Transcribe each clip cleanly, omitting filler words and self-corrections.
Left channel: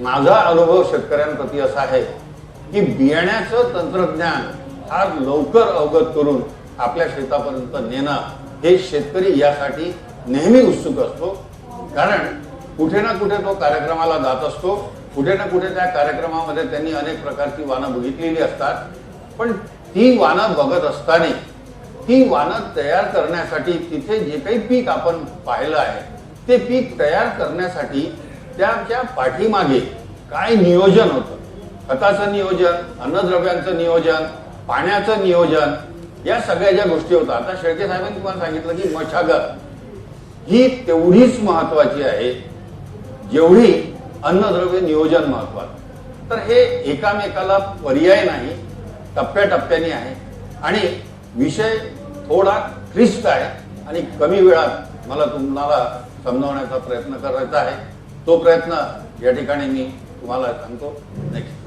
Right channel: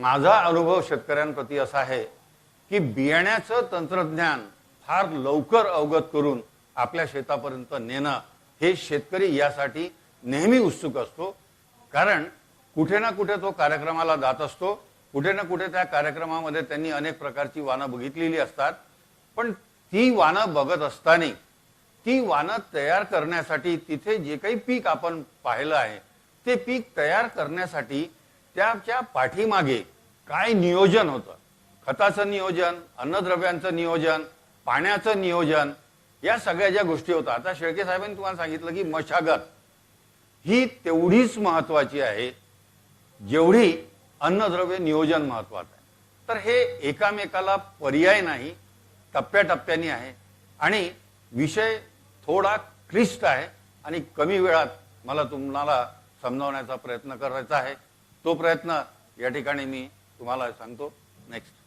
माझा अनुभव शेतकऱ्यांप्रती असा आहे की बियाण्याचं तंत्रज्ञान फार लवकर अवगत करून आपल्या शेतापर्यंत नेणं हे शेतकरी यासाठी नेहमी उत्सुक असतो. कारण कुठे ना कुठे तो कार्यक्रमाला जात असतो, कुठे ना कुठे त्या कार्यक्रमामध्ये त्यांनी अनेक प्रकारची वाहनं बघितलेली असतात. पण ती वाहनं बघत असताना ती वाहनं तयार करण्यासाठी तिथे जे काही पीक आपण पाहिलं आहे ते पीक तयार करण्यासाठी त्याच्या पाठीमागे काय नियोजन होतं, खताचं नियोजन, अन्नद्रव्यांचं नियोजन, पाण्याचं नियोजन, या सगळ्या ज्या गोष्टी होत्या. आता शेळके साहेबांनी तुम्हाला सांगितलं की मशागत ही तेवढीच महत्वाची आहे जेवढी अन्नद्रव्य नियोजन महत्वाचं. तर हे एकामेकाला पर्याय नाही, टप्प्याटप्प्याने आहे आणि विषय थोडा क्लिष्ट आहे आणि कमी वेळात मला तुम्हाला समजावण्याचा प्रयत्न करायचा आहे. तो प्रयत्न या ठिकाणी मी तुम्हाला सांगतो. नेक्स्ट.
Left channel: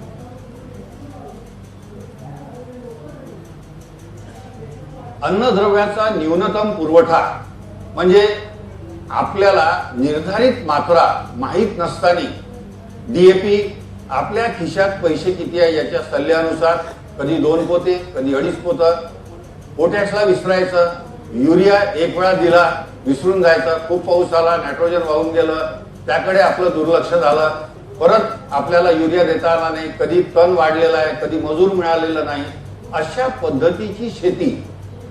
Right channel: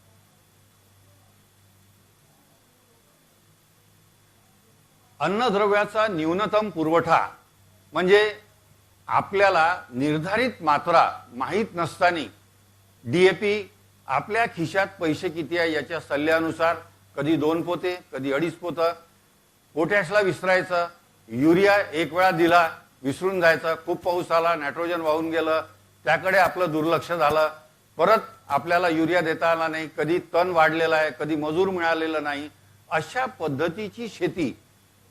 अन्नद्रव्याचा न्यूनतम पुरवठा म्हणजे आपल्याला निर्धारित मात्रा माहीत नसताना डीएपी आपल्या खिशात पैसे किती आहे याच्या सल्ल्यानुसार कधी 2 पोते, कधी 2.5 पोतं, पोटॅशला विसरायचं, युरिया एक वेळा दिला विसरून जायचं, खूप पाऊस आला, नायट्रोजन वाहून गेलं, त्याकडे आपलं दुर्लक्ष झालं, परत आपल्याला युरिया देता आला नाही, कधी तण वाढलेला आहे, कधी मजूर मिळालेला नाही. अशा पद्धतीची शेती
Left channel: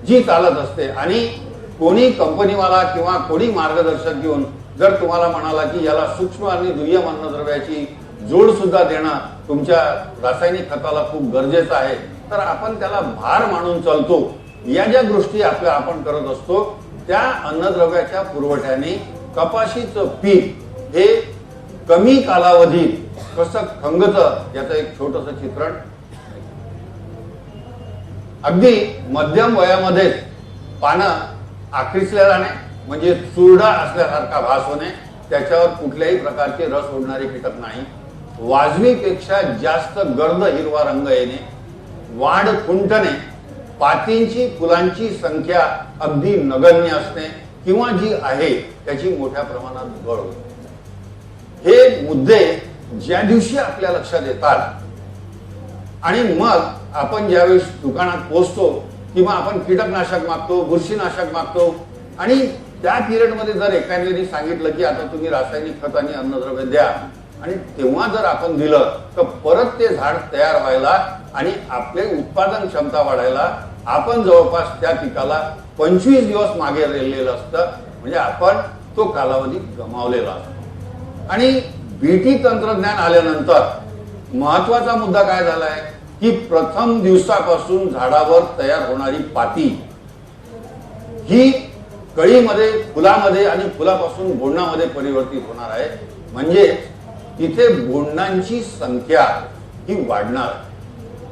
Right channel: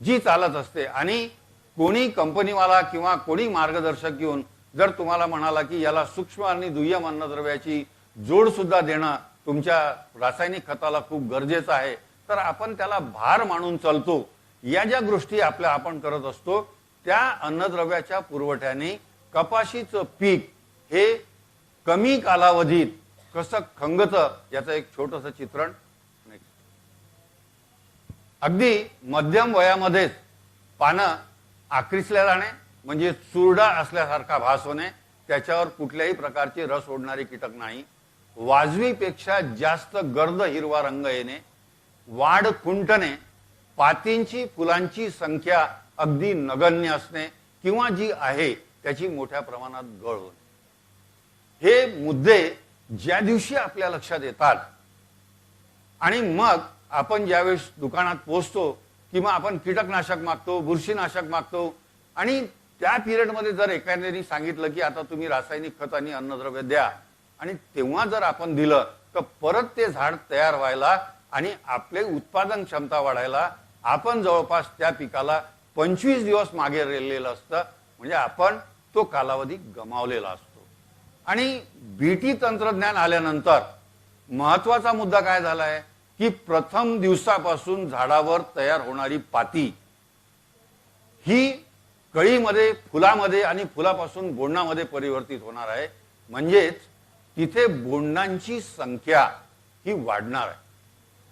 जी चालत असते आणि कोणी कंपनीवाला किंवा कोणी मार्गदर्शक घेऊन जर तुम्हाला म्हणाला की याला सूक्ष्म आणि दुय्यम अन्नद्रव्याची जोड सुद्धा देणं तुमच्या रासायनिक खताला खूप गरजेचं आहे, तर आपण त्याला भार मानून चालतो. या ज्या गोष्टी आपण करत असतो त्या अन्नद्रव्याच्या पुरवठ्याने कपाशीचं पीक हे कमी कालावधीत कसं खंगतं याचं एक छोटस चित्रण. अगदी मध्यम वयामध्ये पानं आकृसले राहणे म्हणजे चुरडा असल्यासारखा भास होणे, त्याच्यावर कुठल्याही प्रकारचे रस ओढणारे कीटक नाही, वाजवीपेक्षा जास्त गर्द हिरवा रंग येणे, वाढ खुंटणे, पातींची फुलांची संख्या अगदी नगण्य असणे किंवा जी आहे त्याची मोठ्या प्रमाणात घट होते. हे मुद्दे ज्या दिवशी आपल्या लक्षात येतात आणि मग आपण ज्यावेळेस दुकानात पोहोचतो किंवा आपण कीटकनाशक मागतो, बुरशीनाशक मागतो आणि त्या पिरियडमध्ये जर एखाद्याने सांगितलं की आता तुम्ही रासायनिक खत आणि अन्नद्रव्य द्या आणि तेव्हा जर आपण दिलं तर परत ते झाड तयार व्हायला आणि आपले उत्पादन क्षमता वाढायला आपण जवळपास त्या पिकाला 25 दिवस मागे राहिलेलं असतं. म्हणजे आपण तो कालावधी गमावलेला असतो. आणि बीटी तंत्रज्ञान आल्यानंतर महत्वाचा मुद्दा काय झालाय की प्रथम दिवसापासून झाडावर तयार होणारी पाती ही कळीमध्ये, फुलामध्ये आणि फुलापासून बोंडामध्ये परिवर्तित होणार आहे. म्हणजे तिथे बोंडांची संख्या ही वाढणार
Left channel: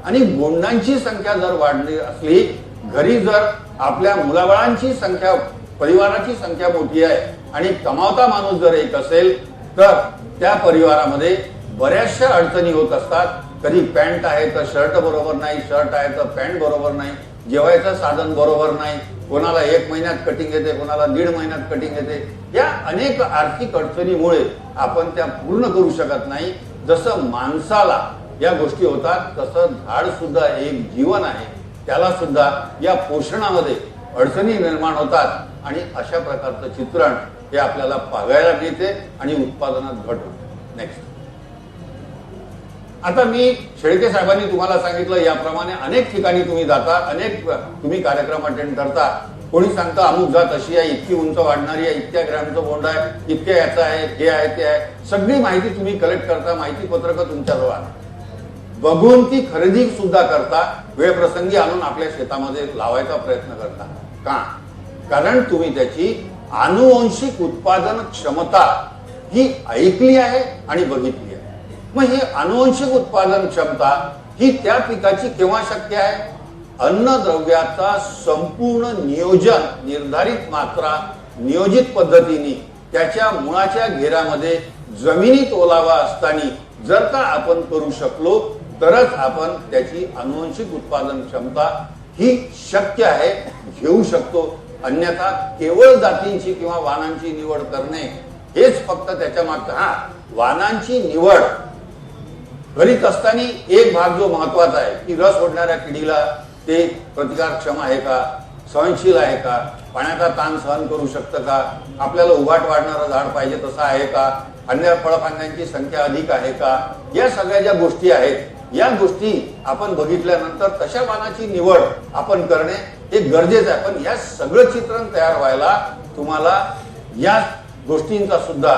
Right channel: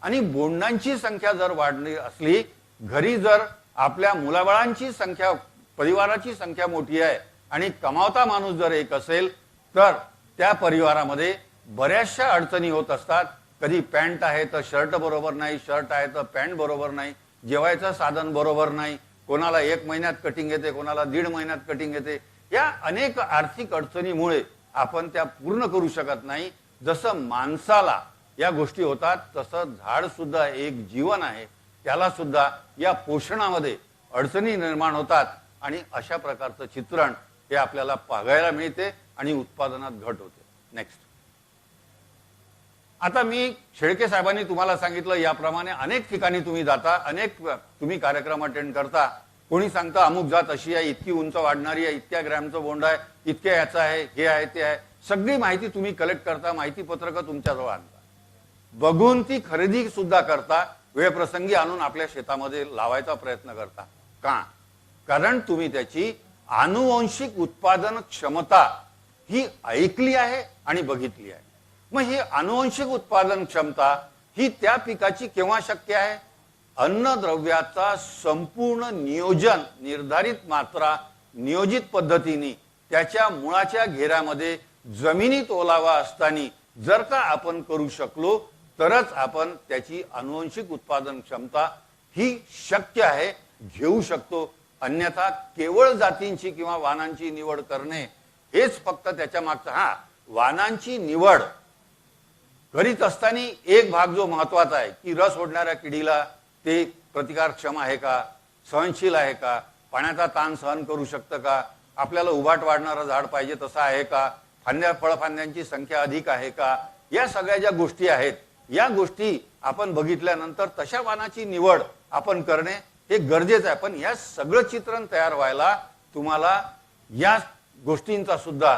आणि बोंडांची संख्या जर वाढली असली, घरी जर आपल्या मुलाबाळांची संख्या, परिवाराची संख्या मोठी आहे आणि कमावता माणूस जर एक असेल तर त्या परिवारामध्ये बऱ्याचशा अडचणी होत असतात. कधी पॅन्ट आहे तर शर्ट बरोबर नाही, शर्ट आहे तर पॅन्ट बरोबर नाही, जेवायचं साधन बरोबर नाही, कोणाला 1 महिन्यात कटिंग येते, कोणाला 1.5 महिन्यात कटिंग येते. या अनेक आर्थिक अडचणीमुळे आपण त्या पूर्ण करू शकत नाही. जसं माणसाला या गोष्टी होतात तसं झाड सुद्धा एक जीवन आहे, त्याला सुद्धा या पोषणामध्ये अडचणी निर्माण होतात आणि अशा प्रकारचं चित्रण हे आपल्याला पाहायला मिळते आणि उत्पादनात घट होते. नेक्स्ट. आता मी शेळके साहेबांनी तुम्हाला सांगितलं याप्रमाणे अनेक ठिकाणी तुम्ही जाता, अनेक तुम्ही कार्यक्रम अटेंड करता. कोणी सांगता अमुक जात अशी आहे, इतकी उंच वाढणारी आहे, इतक्या ग्रॅमचं बोंड आहे, इतक्या याचं आहे, हे आहे, ते आहे. सगळी माहिती तुम्ही कलेक्ट करता, माहिती पत्रक तुमच्याजवळ आहे, बघून ती खरेदी सुद्धा करता, वेळ प्रसंगी आणून आपल्या शेतामध्ये लावायचा प्रयत्न करता. का? कारण तुम्ही त्याची आनुवंशिक उत्पादन क्षमता ही ऐकली आहे आणि बघितली आहे. मग हे आनुवंशिक उत्पादन क्षमता ही त्या पिकाची केव्हा शक्य आहे? अन्नद्रव्याचा संपूर्ण नियोजन, निर्धारित मात्रा नियोजित पद्धतीने त्याच्या मुळाच्या घेऱ्यामध्ये जमिनीत ओलावा असताना जर का आपण करू शकलो तरच आपण त्याची आनुवंशिक उत्पादन क्षमता ही शक्य आहे, घेऊ शकतो. अन्यथा केवळ जातींची किंवा वाणांची निवड करणे हेच फक्त त्याच्या मागचं. वाणांची निवड करीत असताना एक भाग जो महत्वाचा आहे की रस ओढणाऱ्या किडीला ते प्रतिकारक्षम आहे का, सहनशील आहे का, पाण्याचा ताण सहन करू शकतं का, आपल्याला उभाट वाढणारं झाड पाहिजे तसं आहे का, फळफांद्यांची संख्या अधिक आहे का, या सगळ्या ज्या गोष्टी आहेत या गोष्टी आपण बघितल्यानंतर तशा पानाची निवड आपण करणे हे गरजेचं आहे. पण या सगळं चित्रण तयार व्हायला तुम्हाला या गोष्टींचा सुद्धा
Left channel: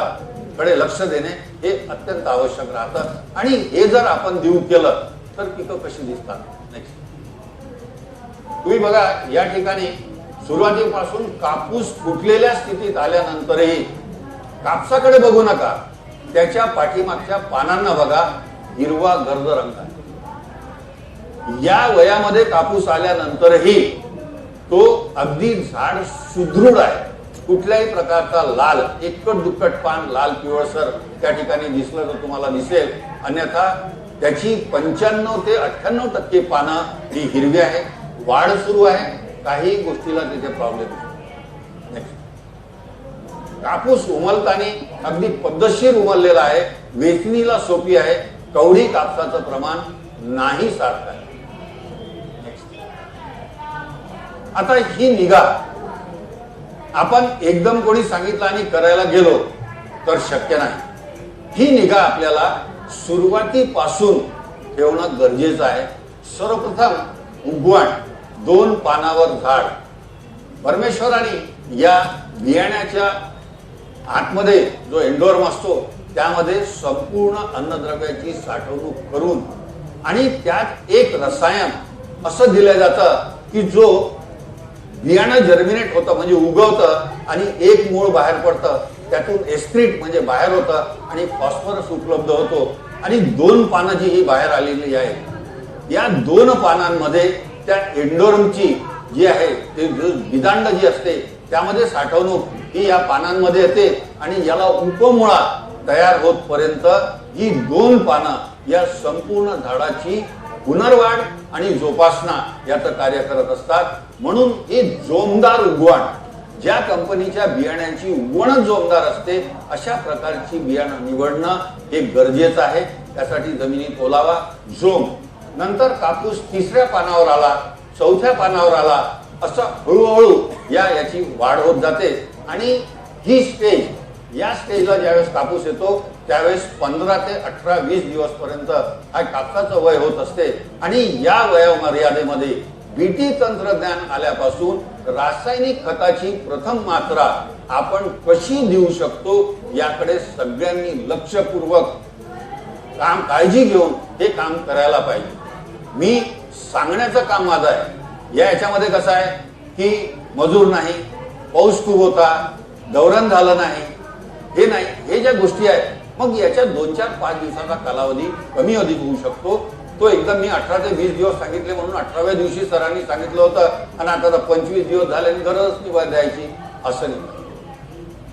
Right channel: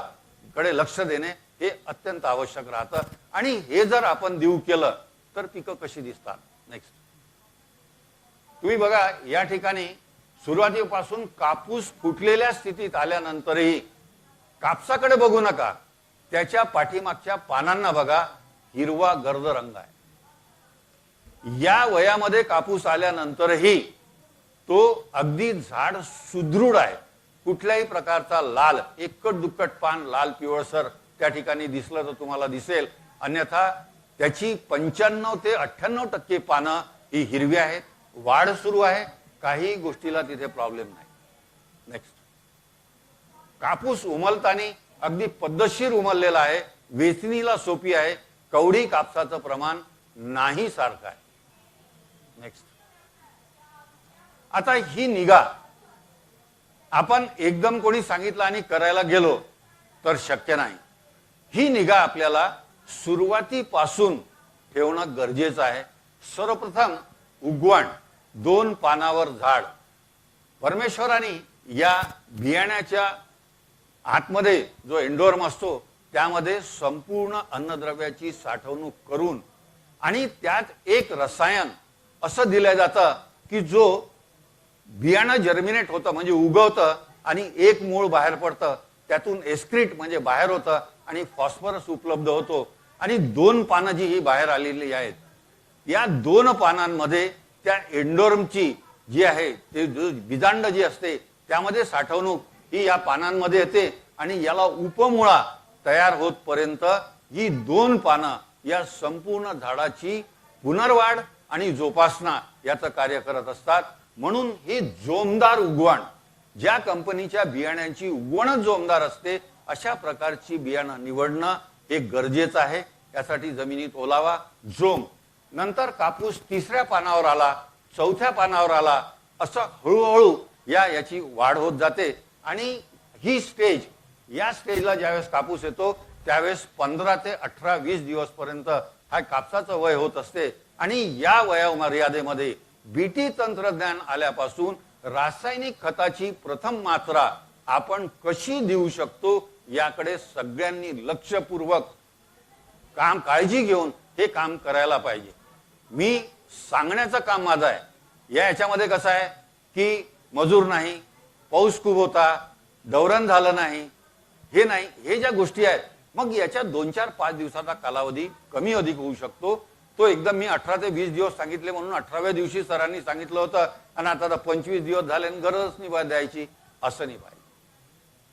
कडे लक्ष देणे हे अत्यंत आवश्यक राहतं. आणि हे जर आपण देऊ केलं तर पिकं कशी दिसतात. नेक्स्ट तुम्ही बघा या ठिकाणी सुरुवातीपासून कापूस फुटलेल्या स्थितीत आल्यानंतरही कापसाकडे बघू नका, त्याच्या पाठीमागच्या पानांना बघा, हिरवा गर्द रंग आहे. या वयामध्ये कापूस आल्यानंतरही तो अगदी झाड सुदृढ आहे. कुठल्याही प्रकारचा लाल एकट दुक्कट पान लाल पिवळसर त्या ठिकाणी दिसलं तर तुम्हाला दिसेल, अन्यथा त्याची 95 ते 98% पानं ही हिरवी आहे, वाढ सुरू आहे, काही गोष्टीला तिथे प्रॉब्लेम नाही. कापूस उमलताना अगदी पद्धतशीर उमललेला आहे, वेचणीला सोपी आहे, कवडी कापसाचं प्रमाण नाही सारखं आहे. आता ही निगा आपण एकदम कोणी सांगितलं आणि करायला गेलो तर शक्य नाही. ही निगा आपल्याला सुरुवातीपासून ठेवणं गरजेचं आहे. सर्वप्रथम उगवण 2 पानावर झाड. परमेश्वराने या बियाण्याच्या आतमध्ये जो एंडोर्म असतो त्यामध्ये संपूर्ण अन्नद्रव्याची साठवणूक करून आणि त्यात एक रसायन असं दिलं जातं की जो बियाणं जर्मिनेट होतं म्हणजे उगवतं आणि एक मूळ बाहेर पडतं, त्यातून एस्ट्रीट म्हणजे बाहेर होतं आणि फॉस्फरस उपलब्ध होतो. आणि 2 पानं जी ही बाहेर आलेली आहेत या 2 पानांमध्ये त्या एंडोर्मची जी आहे ते विदांड जी असते त्यामध्ये साठवणूक ही या पानांमध्ये येते आणि याला उपमुळा तयार होतपर्यंत ही 2 पानं या संपूर्ण झाडाची पुनर्वाढ आणि जोपासना याचं कार्य करत असतात. म्हणून हे जोमदार उगवण, ज्या कंपनीच्या बियाण्यांची उगवणच जोमदार असते अशा प्रकारची बियाणं निवडणं हे गरजेचं आहे. त्यासाठी जमिनीत ओलावा, जोम, नंतर कापूस 3ऱ्या पानावर आला, 4थ्या पानावर आला, असं हळूहळू याची वाढ होत जाते. आणि ही स्टेज, या स्टेजला ज्यावेळेस कापूस येतो त्यावेळेस 15 ते 18, 20 दिवस पर्यंत हा कापसाचं वय होत असते. आणि या वया मर्यादेमध्ये बीटी तंत्रज्ञान आल्यापासून रासायनिक खताची प्रथम मात्रा आपण कशी देऊ शकतो याकडे सगळ्यांनी लक्षपूर्वक काळजी घेऊन हे काम करायला पाहिजे. मी सांगण्याचं काम माझं आहे. याच्यामध्ये कसं आहे की मजूर नाही, पाऊस खूप होता, दौरण झालं नाही, हे नाही, हे ज्या गोष्टी आहेत मग याच्या 2, 4, 5 दिवसांचा कालावधी कमी अधिक होऊ शकतो. तो एकदम मी 18 ते 20 दिवस सांगितले म्हणून 18व्या दिवशी सरांनी सांगितलं होतं आणि आता 25 दिवस झाले आणि गरजच निवड द्यायची असं नाही.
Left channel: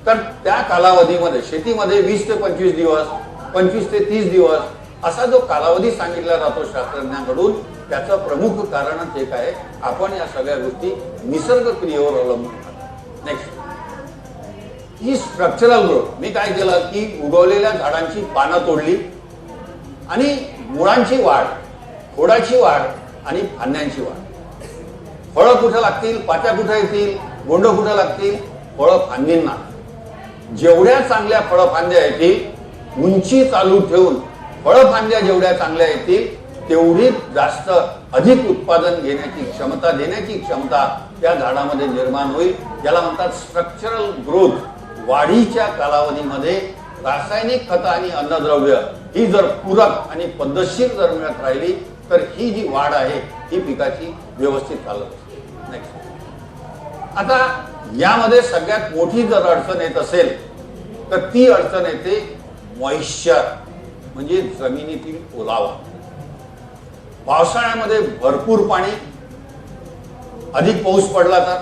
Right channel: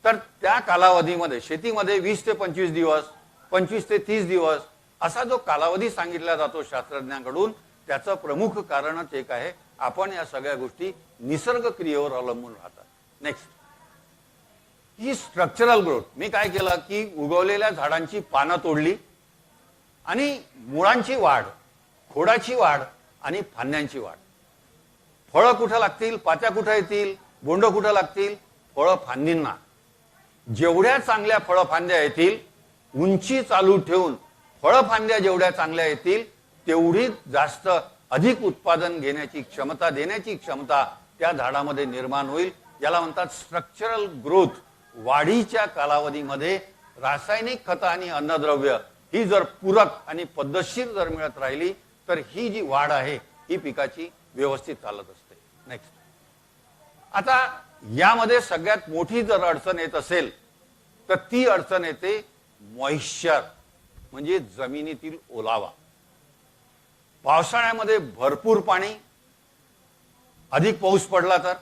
तर त्या कालावधीमध्ये शेतीमध्ये 20 ते 25 दिवस, 25 ते 30 दिवस असा जो कालावधी सांगितला जातो शास्त्रज्ञांकडून, त्याचं प्रमुख कारणच एक आहे, आपण या सगळ्या गोष्टी निसर्ग क्रियेवर अवलंबून. नेक्स्ट ही स्ट्रक्चरल ग्रोथ. मी काय केलं की उगवलेल्या झाडांची पानं तोडली आणि मुळांची वाढ, खोडाची वाढ आणि फांद्यांची वाढ. फळं कुठं लागतील, पात्या कुठं येतील, बोंड कुठं लागतील, फळं फांदींना. जेवढ्या चांगल्या फळफांद्या येतील, उंची चालू ठेवून फळफांद्या जेवढ्या चांगल्या येतील तेवढी जास्त अधिक उत्पादन घेण्याची क्षमता, देण्याची क्षमता त्या झाडामध्ये निर्माण होईल. त्याला म्हणतात स्ट्रक्चरल ग्रोथ. वाढीच्या कालावधीमध्ये रासायनिक खत आणि अन्नद्रव्य ही जर पूरक आणि पद्धतशीर जर मिळत राहिली तर ही जी वाढ आहे ही पिकाची व्यवस्थित चालत असते. आता यामध्ये सगळ्यात मोठी जर अडचण येत असेल तर ती अडचण येते मॉइश्चर म्हणजे जमिनीतील ओलावा. पावसाळ्यामध्ये भरपूर पाणी, अधिक पाऊस पडला तर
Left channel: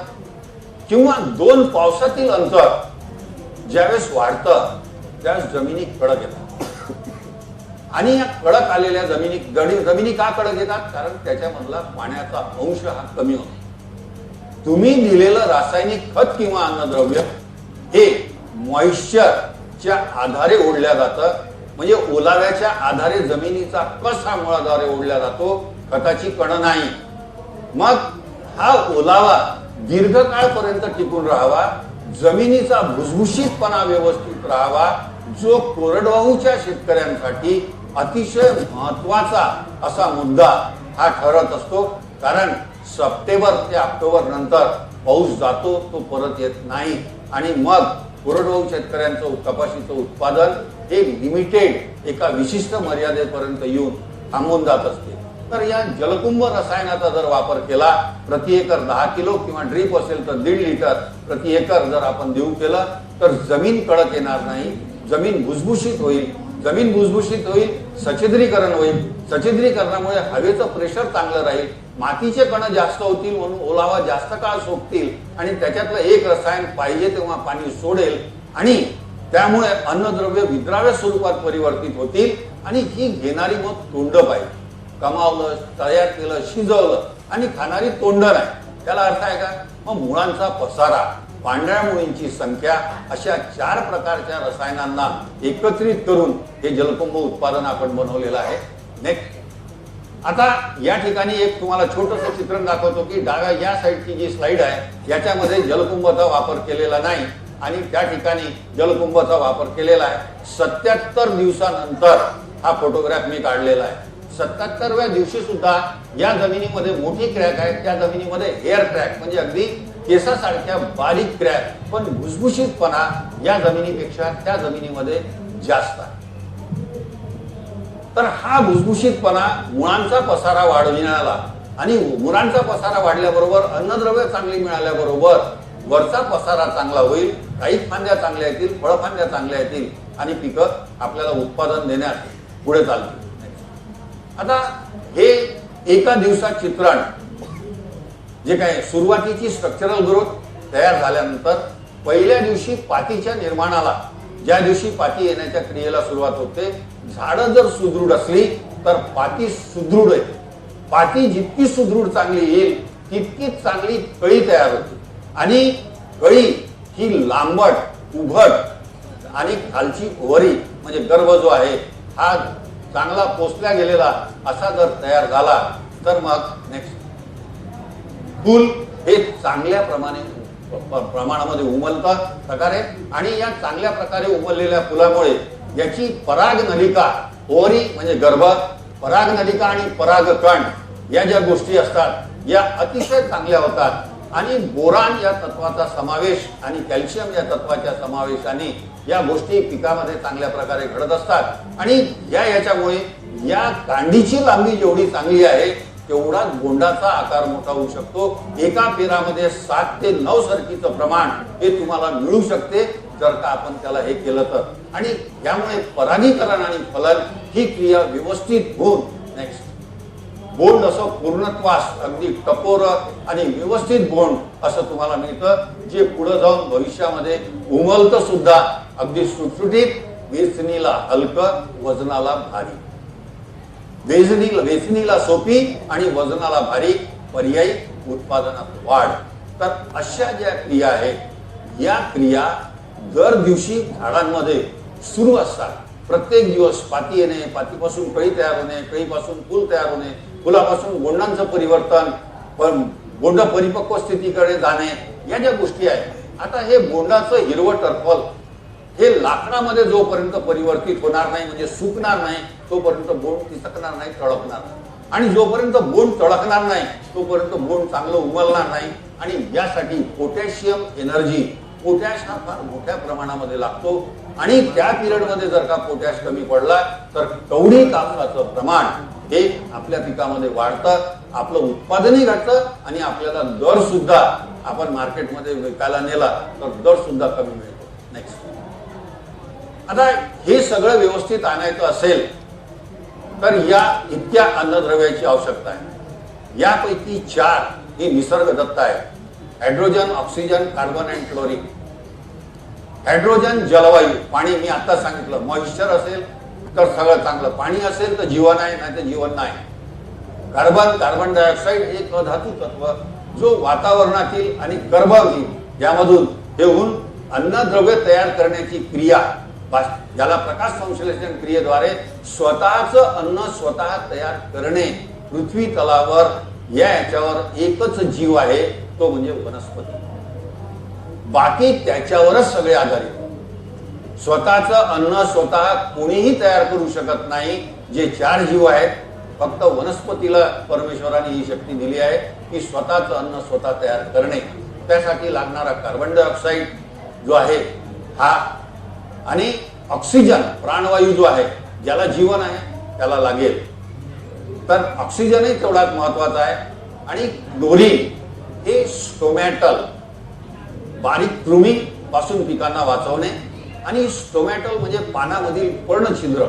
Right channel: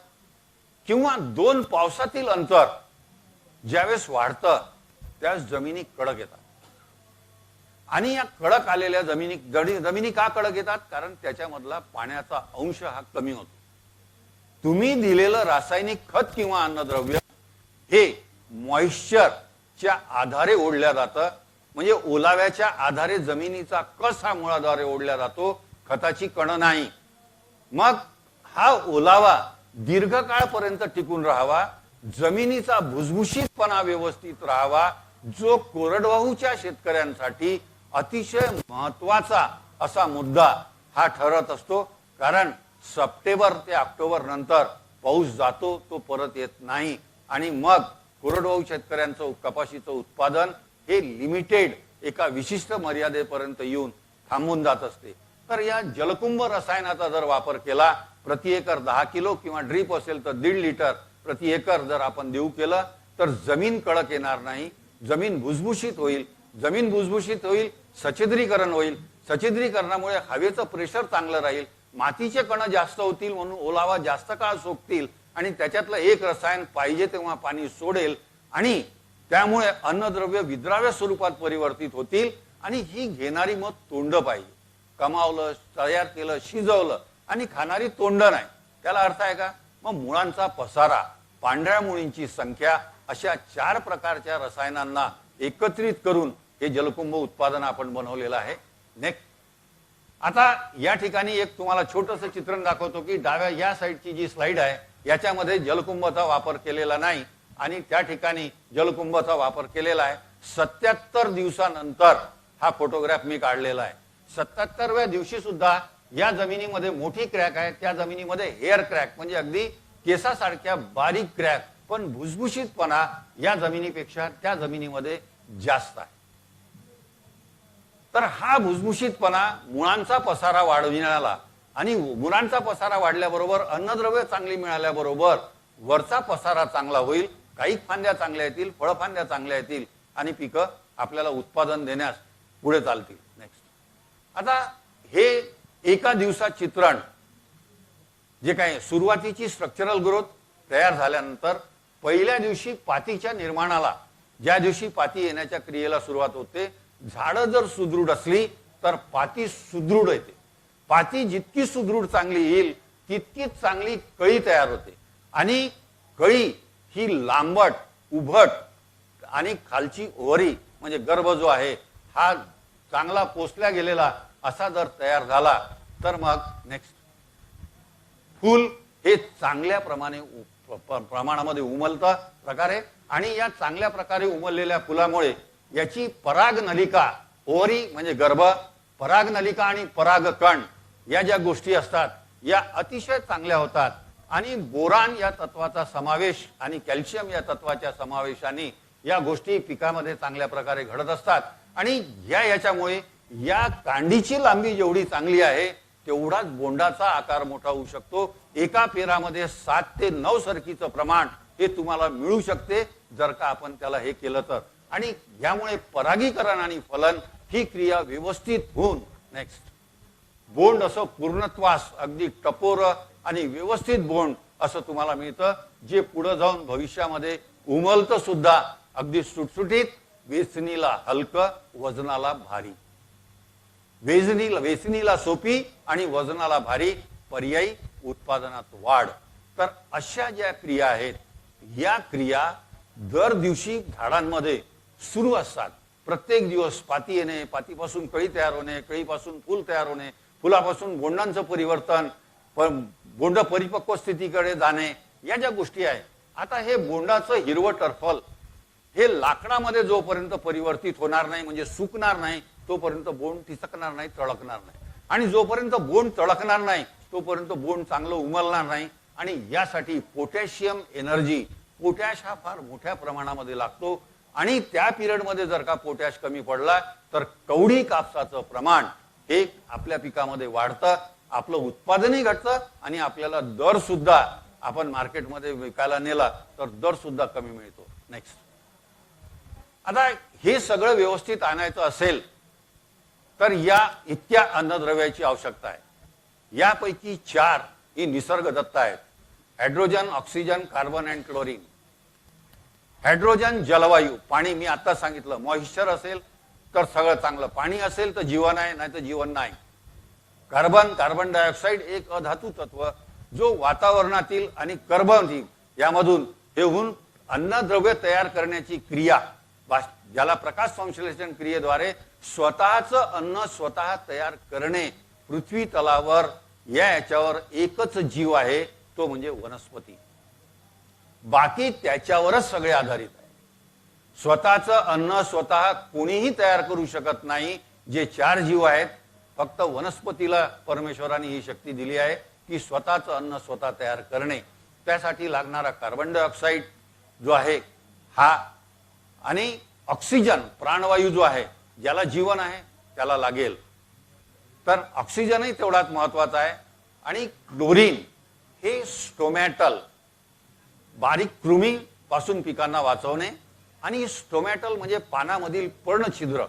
किंवा 2 पावसातील अंतर ज्यावेळेस वाढतं त्यावेळेस जमिनी कडक येतात. आणि या कडक आलेल्या जमिनी का कडक येतात? कारण त्याच्यामधला पाण्याचा अंश हा कमी होतो. तुम्ही दिलेलं रासायनिक खत किंवा अन्नद्रव्य हे मॉइश्चरच्या आधारे ओढल्या जातं. म्हणजे ओलाव्याच्या आधारे जमिनीचा कस हा मुळाद्वारे ओढला जातो, खताची कण नाही. मग हा ओलावा दीर्घकाळपर्यंत टिकून राहावा, जमिनीचा भुसभुशीतपणा व्यवस्थित राहावा, जो कोरडवाहूच्या शेतकऱ्यांसाठी अतिशय महत्वाचा असा मुद्दा हा ठरत असतो. कारण सप्टेंबर ते ऑक्टोबर नंतर पाऊस जातो, तो परत येत नाही आणि मग कोरडवाहू शेतकऱ्यांचं कपाशीचं उत्पादन हे लिमिटेड एका विशिष्ट मर्यादेपर्यंत येऊन थांबून जात असते. तर या जलकुंभ रसायनाचा जर वापर केला, प्रति एकर 10 किलो किंवा ड्रीप असेल तर 1.5 लिटर प्रति एकर जर आपण देऊ केलं तर जमीन कडक येणार नाही, जमीन भुसभुशीत होईल. जमीन भुसभुशीत होईल, सछिद्रीकरण होईल. सछिद्रीकरणामुळे हवेचं प्रेशर चांगलं राहील, मातीचे कण जास्त होतील म्हणून ओलावा जास्त काळ सोकतील आणि त्याच्यातलं एक रसायन पाहिजे तेव्हा पाणी सोडेल आणि त्यामुळे अन्नद्रव्य विद्राव्य स्वरूपात परिवर्तित होतील आणि ही घेणारी मग तोंड पाहिजे. कमावलं, तयार केलं, शिजवलं आणि खाणारी तोंड नाही. त्याला अर्थ आहे का? मग मुळांचा पसारा, पांढऱ्या मुळींची संख्या, अशा 4 प्रकारच्या रसायनांना एकत्रित करून हे जलकुंभ उत्पादन आपण बनवलेलं आहे. नेक्स्ट, आता या ठिकाणी एक तुम्हाला छोटंसं चित्रण दाखवतो की डाव्या या साईडची जी स्लाइड आहे याच्यामध्ये जलकुंभाचा वापर केलेला नाही आणि त्या ठिकाणी जलकुंभाचा वापर केलेला आहे. 77 दिवसानंतर हा फोटोग्राफ मी काढलेला आहे. 77व्या दिवशी सुद्धा या जमिनीमध्ये मोठी क्रॅक आहे, त्या जमिनीमध्ये हेअर क्रॅक म्हणजे अगदी केसासारख्या बारीक क्रॅक, पण भुसभुशीतपणा या जमिनीपेक्षा त्या जमिनीमध्ये जास्त आहे. तर हा भुसभुशीतपणा मुळांचा पसारा वाढविण्याला आणि मुळांचा पसारा वाढल्याबरोबर अन्नद्रव्य चांगली मिळाल्याबरोबर वरचा पसारा चांगला होईल, काही फांद्या चांगल्या येतील, फळफांद्या चांगल्या येतील आणि पिकं आपल्याला उत्पादन देण्यात पुढे चालतील. आता हे एका दिवसात चित्रण जे काही सुरुवातीची स्ट्रक्चरल ग्रोथ तयार झाल्यानंतर पहिल्या दिवशी पातीच्या निर्माणाला, ज्या दिवशी पाती येण्याच्या क्रियेला सुरुवात होते, झाडं जर सुदृढ असली तर पाती सुदृढ आहे. पाती जितकी सुदृढ चांगली येईल तितकीच चांगली कळी तयार होते आणि कळी ही लांबट, उभट आणि खालची ओव्हरी म्हणजे गर्भ जो आहे हा चांगला पोसल्या गेलेला असा जर तयार झाला तर मग नेक्स्ट फूल हे चांगल्या प्रमाणामध्ये उमलतं प्रकारे आणि या चांगल्या प्रकारे उमललेल्या फुलामुळे याची पराग नलिका, ओव्हरी म्हणजे गर्भ, पराग नलिका आणि परागकण या ज्या गोष्टी असतात या अतिशय चांगल्या होतात आणि बोरान या तत्वाचा समावेश आणि कॅल्शियम या तत्वाच्या समावेशाने या गोष्टी पिकामध्ये चांगल्या प्रकारे घडत असतात आणि याच्यामुळे या कांडीची लांबी जेवढी चांगली आहे तेवढा गोंडाचा आकार मोठा होऊ शकतो. एका पेरामध्ये 7 ते 9 सरकीचं प्रमाण हे तुम्हाला मिळू शकते जर का आपण त्याला हे केलं तर. आणि त्यामुळे परागीकरण आणि फलन ही क्रिया व्यवस्थित होऊन नेक्स्ट बोंड असं पूर्णत्वास अगदी कपोर आणि व्यवस्थित बोंड असं तुम्हाला मिळतं, जे पुढे जाऊन भविष्यामध्ये उमलतं सुद्धा अगदी सुटसुटीत, वेचणीला हलकं, वजनाला भारी. वेचणीला सोपी आणि वजनाला भारी, पर्यायी उत्पादनात वाढ. तर अशा ज्या क्रिया आहेत या क्रिया दर दिवशी झाडांमध्ये सुरू असतात. प्रत्येक दिवस पाती येणे, पातीपासून कळी तयार होणे, कळीपासून फूल तयार होणे, फुलापासून गोंडांचं परिवर्तन, गोंड परिपक्व स्थितीकडे जाणे, या ज्या गोष्टी आहेत. आता हे गोंडाचं हिरवं टरफल हे लाकडामध्ये जोपर्यंत परिवर्तित होणार नाही म्हणजे सुकणार नाही तोपर्यंत बोंड फिसकणार नाही, तळकणार नाही. आणि जोपर्यंत बोंड तळकणार नाही तोपर्यंत बोंड चांगलं उमलणार नाही. आणि यासाठी पोटॅशियम एनर्जी, पोटॅश हा फार मोठ्या प्रमाणामध्ये लागतो आणि त्या पिरियड मध्ये जर का पोटॅश कमी पडला तर कवडी कापसाचं प्रमाण हे आपल्या पिकामध्ये वाढतं, आपलं उत्पादनही घडतं आणि आपल्याला दर सुद्धा आपण मार्केटमध्ये विकायला नेला तर दर सुद्धा कमी मिळतो. नेक्स्ट, आता हे सगळं व्यवस्थित आणायचं असेल तर या इतक्या अन्नद्रव्याची आवश्यकता आहे. यापैकी 4 हे निसर्गदत्त आहे. Hydrogen, oxygen, carbon and chlorine. Hydrogen जलवायू, पाणी मी आता सांगितलं, मॉइश्चर असेल तर सगळं चांगलं, पाणी असेल तर जीवन आहे, नाही तर जीवन नाही. कार्बन, कार्बन डायऑक्साईड हे एक अधातू तत्व जो वातावरणातील आणि कर्बोदके यामधून हे होऊन अन्नद्रव्य तयार करण्याची क्रिया ज्याला प्रकाश संश्लेषण क्रियेद्वारे स्वतःच अन्न स्वतः तयार करणे, पृथ्वी तलावर याच्यावर एकच जीव आहे, तो म्हणजे वनस्पती. बाकी त्याच्यावरच सगळे आधारित. स्वतःच अन्न स्वतः कोणीही तयार करू शकत नाही. जे 4 जीव आहेत, फक्त वनस्पतीला परमेश्वराने ही शक्ती दिली आहे की स्वतःच अन्न स्वतः तयार करणे. त्यासाठी लागणारा कार्बन डायऑक्साईड जो आहे हा, आणि ऑक्सिजन प्राणवायू जो आहे, ज्याला जीवन आहे त्याला लागेल, तर ऑक्सिजनही तेवढाच महत्वाचा आहे. आणि क्लोरीन हे स्टोमॅटल, बारीक कृमी पासून पिकांना वाचवणे. आणि स्टोमॅटल म्हणजे पानामधील पर्णछिद्र.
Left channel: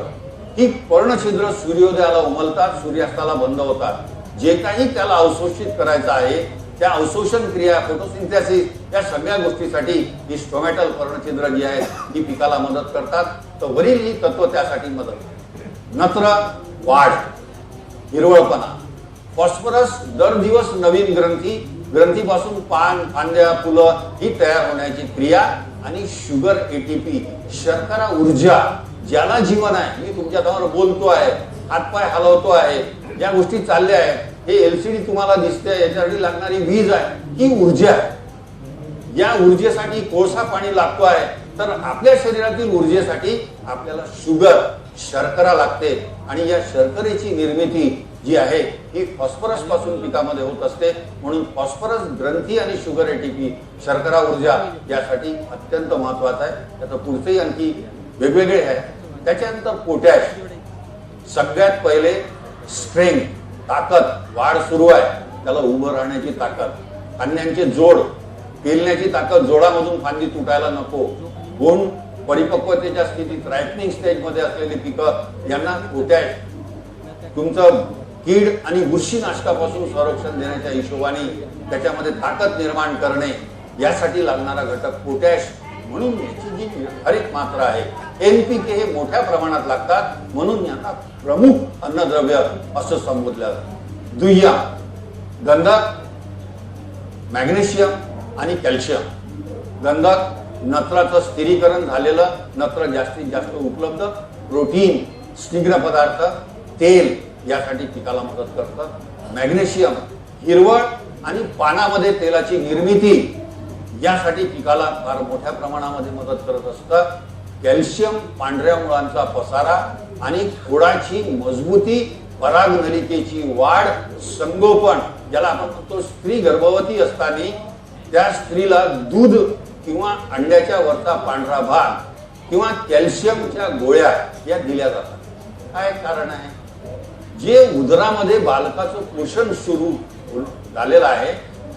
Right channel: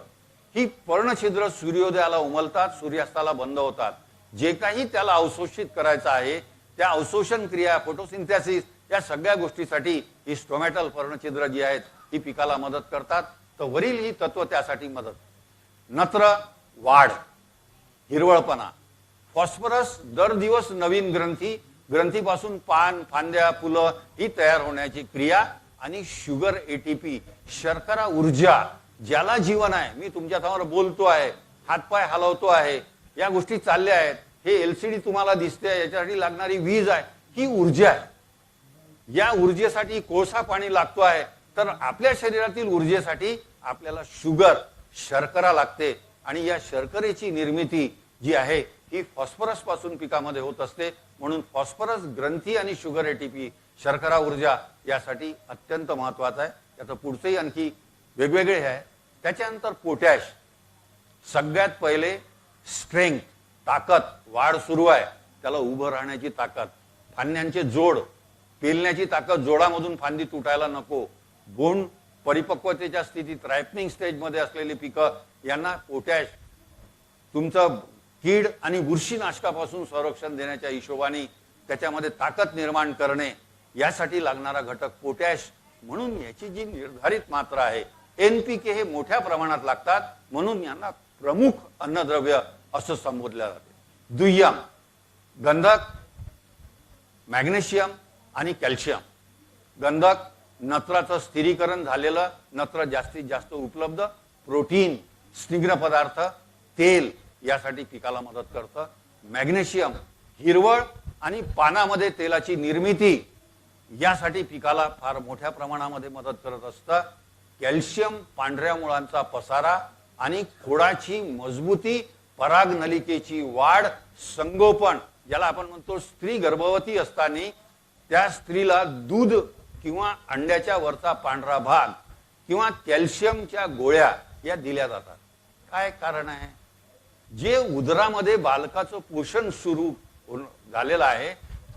ही पर्णछिद्र सूर्योदयाला उमलतात, सूर्यास्ताला बंद होतात. जे काही त्याला अवशोषित करायचं आहे, त्या अवशोषण क्रिया, फोटोसिंथेसिस, या सगळ्या गोष्टीसाठी ही स्टोमॅटल पर्णछिद्र जी आहेत ही पिकाला मदत करतात. तर वरील ही तत्व त्यासाठी मदत करतात. नत्र वाढ, हिरवळपणा. फॉस्फरस दर दिवस नवीन ग्रंथीपासून पान, फांद्या, फुलं ही तयार होण्याची क्रिया. आणि शुगर एटीपी, शर्करा ऊर्जा, ज्याला जीवन आहे. मी तुमच्या समोर बोलतो आहे, हातपाय हलवतो आहे, या गोष्टी चालल्या आहेत. हे एलसीडी तुम्हाला दिसते, याच्यासाठी लागणारी वीज आहे, ही ऊर्जा आहे. या ऊर्जेसाठी कोळसा पाणी लागतो आहे. तर आपल्या शरीरातील ऊर्जेसाठी आपल्याला शुगर, शर्करा लागते. आणि या शर्करेची निर्मिती जी आहे ही फॉस्फरस पासून पिकामध्ये होत असते. म्हणून फॉस्फरस ग्रंथी आणि शुगर एटीपी, शर्करा ऊर्जा यासाठी अत्यंत महत्वाचा आहे. त्याचं पुढचेही आणखी वेगवेगळे आहे. त्याच्यानंतर पोटॅश. सगळ्यात पहिले स्ट्रेंथ, ताकद. वाढ सुरू आहे, त्याला उभं राहण्याची ताकद. अन्यांचे जोड, पेलण्याची ताकद. जोडामधून फांदी तुटायला नको. गुण परिपक्वतेच्या स्थितीत, रायपनिंग स्टेज मध्ये असलेली पिकं, यांना पोटॅश. तुमचं कीड आणि बुरशीनाशकापासून संरक्षण देण्याच्या हिशोबाने त्याच्यामध्ये ताकद निर्माण करणे, यासाठी लागणारा घटक पोटॅश. म्हणून याची जी निर्धारित मात्रा आहे, एनपीके हे मोठ्या प्रमाणात लागतात. म्हणून यांना प्रमुख अन्नद्रव्य असं संबोधलं जातं. दुय्यम गंधक, मॅग्नेशियम आणि कॅल्शियम. गंधक, नत्राचं स्थिरीकरण झालेलं नत्र जास्तीत जास्त उपलब्ध. प्रोटीन, स्निग्ध पदार्थ, तेल यासाठी पिकाला मदत करतात. मॅग्नेशियम, हिरवळ आणि पानामध्ये तेलाची निर्मिती यासाठी पिकाला फार मोठ्या प्रमाणामध्ये मदत करत असतात. कॅल्शियम, पांढऱ्या मुळांचा पसारा आणि खोडाची मजबूती, परागनलिकेची वाढ, संगोपन. ज्याला आपण म्हणतो स्त्री गर्भवती असताना त्या स्त्रीला दूध किंवा अंड्याच्या वरचा पांढरा भाग किंवा कॅल्शियमच्या गोळ्या या दिल्या जातात. काय कारण आहे? जे उदरामध्ये बालकाचं पोषण सुरू झालेलं आहे,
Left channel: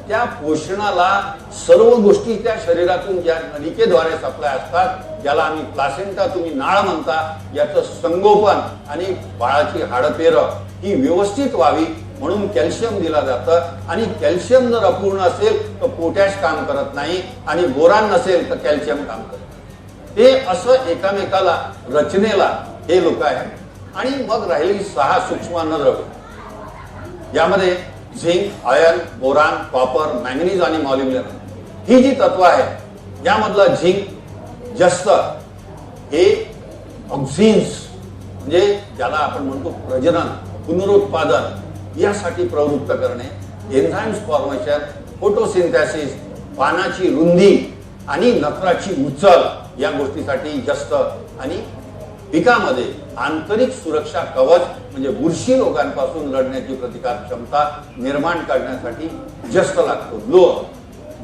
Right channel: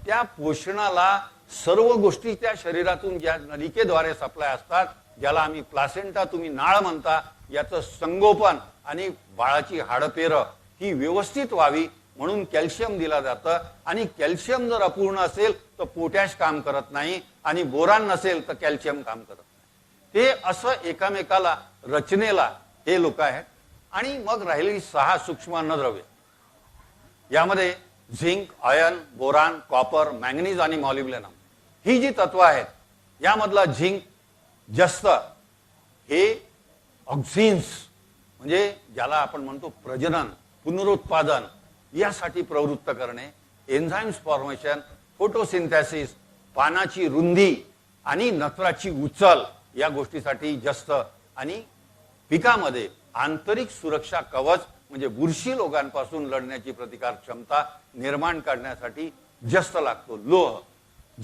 त्या पोषणाला सर्व गोष्टी त्या शरीरातून ज्या नलिकेद्वारे सप्लाय असतात, त्याला आम्ही प्लासेंटा, तुम्ही नाळ म्हणता, याचं संगोपन आणि बाळाची हाडपेर ही व्यवस्थित व्हावी म्हणून कॅल्शियम दिला जातं. आणि कॅल्शियम जर अपूर्ण असेल तर पोटॅश काम करत नाही, आणि बोरान नसेल तर कॅल्शियम काम करत. ते असं एकामेकाला रचनेला हे लोक आहेत. आणि मग राहिली 6 सूक्ष्म अन्नद्रव्य. यामध्ये zinc, iron, boron, copper, manganese आणि मॉलिब्डेनम ही जी तत्व आहे, यामधला झिंक जास्त हे ऑक्सिन्स, म्हणजे ज्याला आपण म्हणतो प्रजनन, पुनरुत्पादन यासाठी प्रवृत्त करणे, एन्झाइम्स फॉर्मेशन, फोटोसिंथेसिस, पानाची रुंदी आणि नत्राची उचल या गोष्टीसाठी जास्त. आणि पिकामध्ये आंतरिक सुरक्षा कवच म्हणजे बुरशी रोगांपासून लढण्याची प्रतिकार क्षमता निर्माण करण्यासाठी जास्त लागतो. लोह,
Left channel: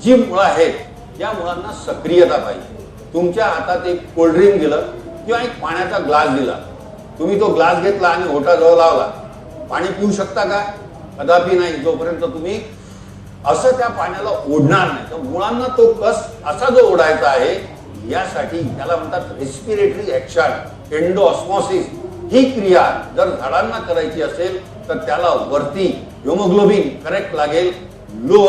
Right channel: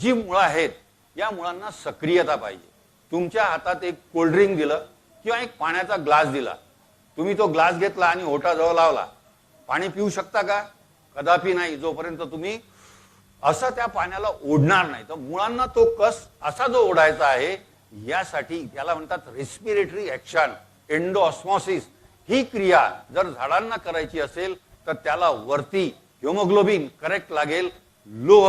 जी मुळं आहेत या मुळांना सक्रियता पाहिजे. तुमच्या हातात एक कोल्ड्रिंक दिलं किंवा एक पाण्याचा ग्लास दिला, तुम्ही तो ग्लास घेतला आणि ओठाजवळ लावला, पाणी पिऊ शकता का? कदापि नाही, जोपर्यंत तुम्ही असं त्या पाण्याला ओढणार नाही. तर मुळांना तो कस असा जो ओढायचा आहे, यासाठी त्याला म्हणतात रेस्पिरेटरी ऍक्शन, एंडोऑस्मोसिस. ही क्रिया जर झाडांना करायची असेल तर त्याला वरती हिमोग्लोबिन करेक्ट लागेल. लोह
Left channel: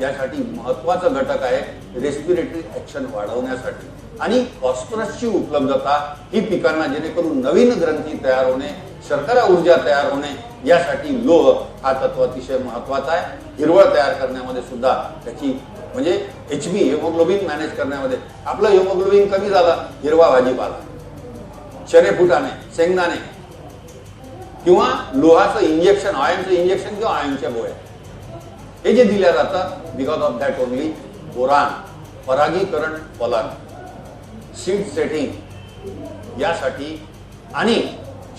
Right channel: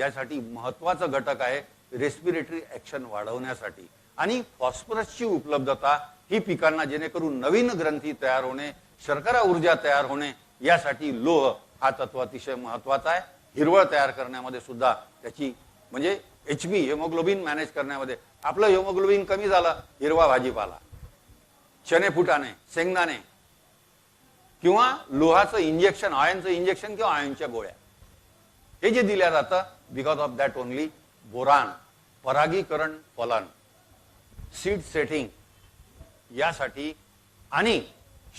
यासाठी महत्वाचा घटक आहे रेस्पिरेटरी ऍक्शन वाढवण्यासाठी. आणि फॉस्फरसची उपलब्धता ही पिकांना, जेणेकरून नवीन ग्रंथी तयार होणे, शर्करा ऊर्जा तयार होणे, यासाठी लोह हा तत्व अतिशय महत्वाचा आहे. हिरवळ तयार करण्यामध्ये सुद्धा त्याची, म्हणजे HB हिमोग्लोबिन मॅनेज करण्यामध्ये, आपलं हिमोग्लोबिन कमी झालं, हिरवा भाजीपाला, चणे फुटाणे, शेंगदाणे किंवा लोहाचं इंजेक्शन, आयनचं इंजेक्शन किंवा आयनच्या गोळ्या, हे जे दिल्या जातात, because of that only boron, परागीकरण फलन, सीड सेटिंग यासाठी आणि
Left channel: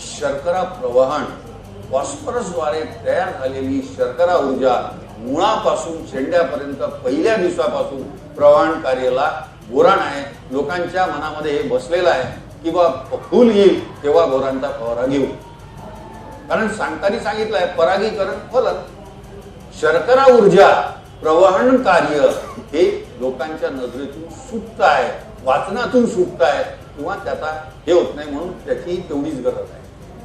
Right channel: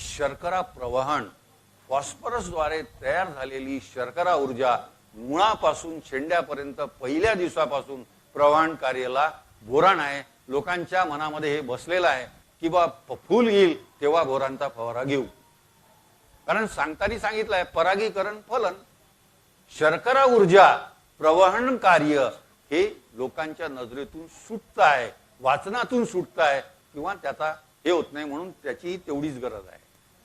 शर्करा प्रवहन, फॉस्फरसद्वारे तयार झालेली शर्करा ऊर्जा मुळापासून शेंड्यापर्यंत पहिल्या दिवसापासून प्रवहन कार्याला बोरान आहे. लोकांच्या मनामध्ये हे बसलेलं आहे की बा फूल येईल तेव्हा बोरानचा फवारा घेऊ, कारण सांगताना सांगितलंय परागीकरण फलन, शर्करा ऊर्जा प्रवहन कार्य हे लोकांच्या नजरेतून सुटत आहे, वाचनातून सुटत आहे किंवा त्याचा हे होत नाही, म्हणून त्याची तेवढीच गरज आहे.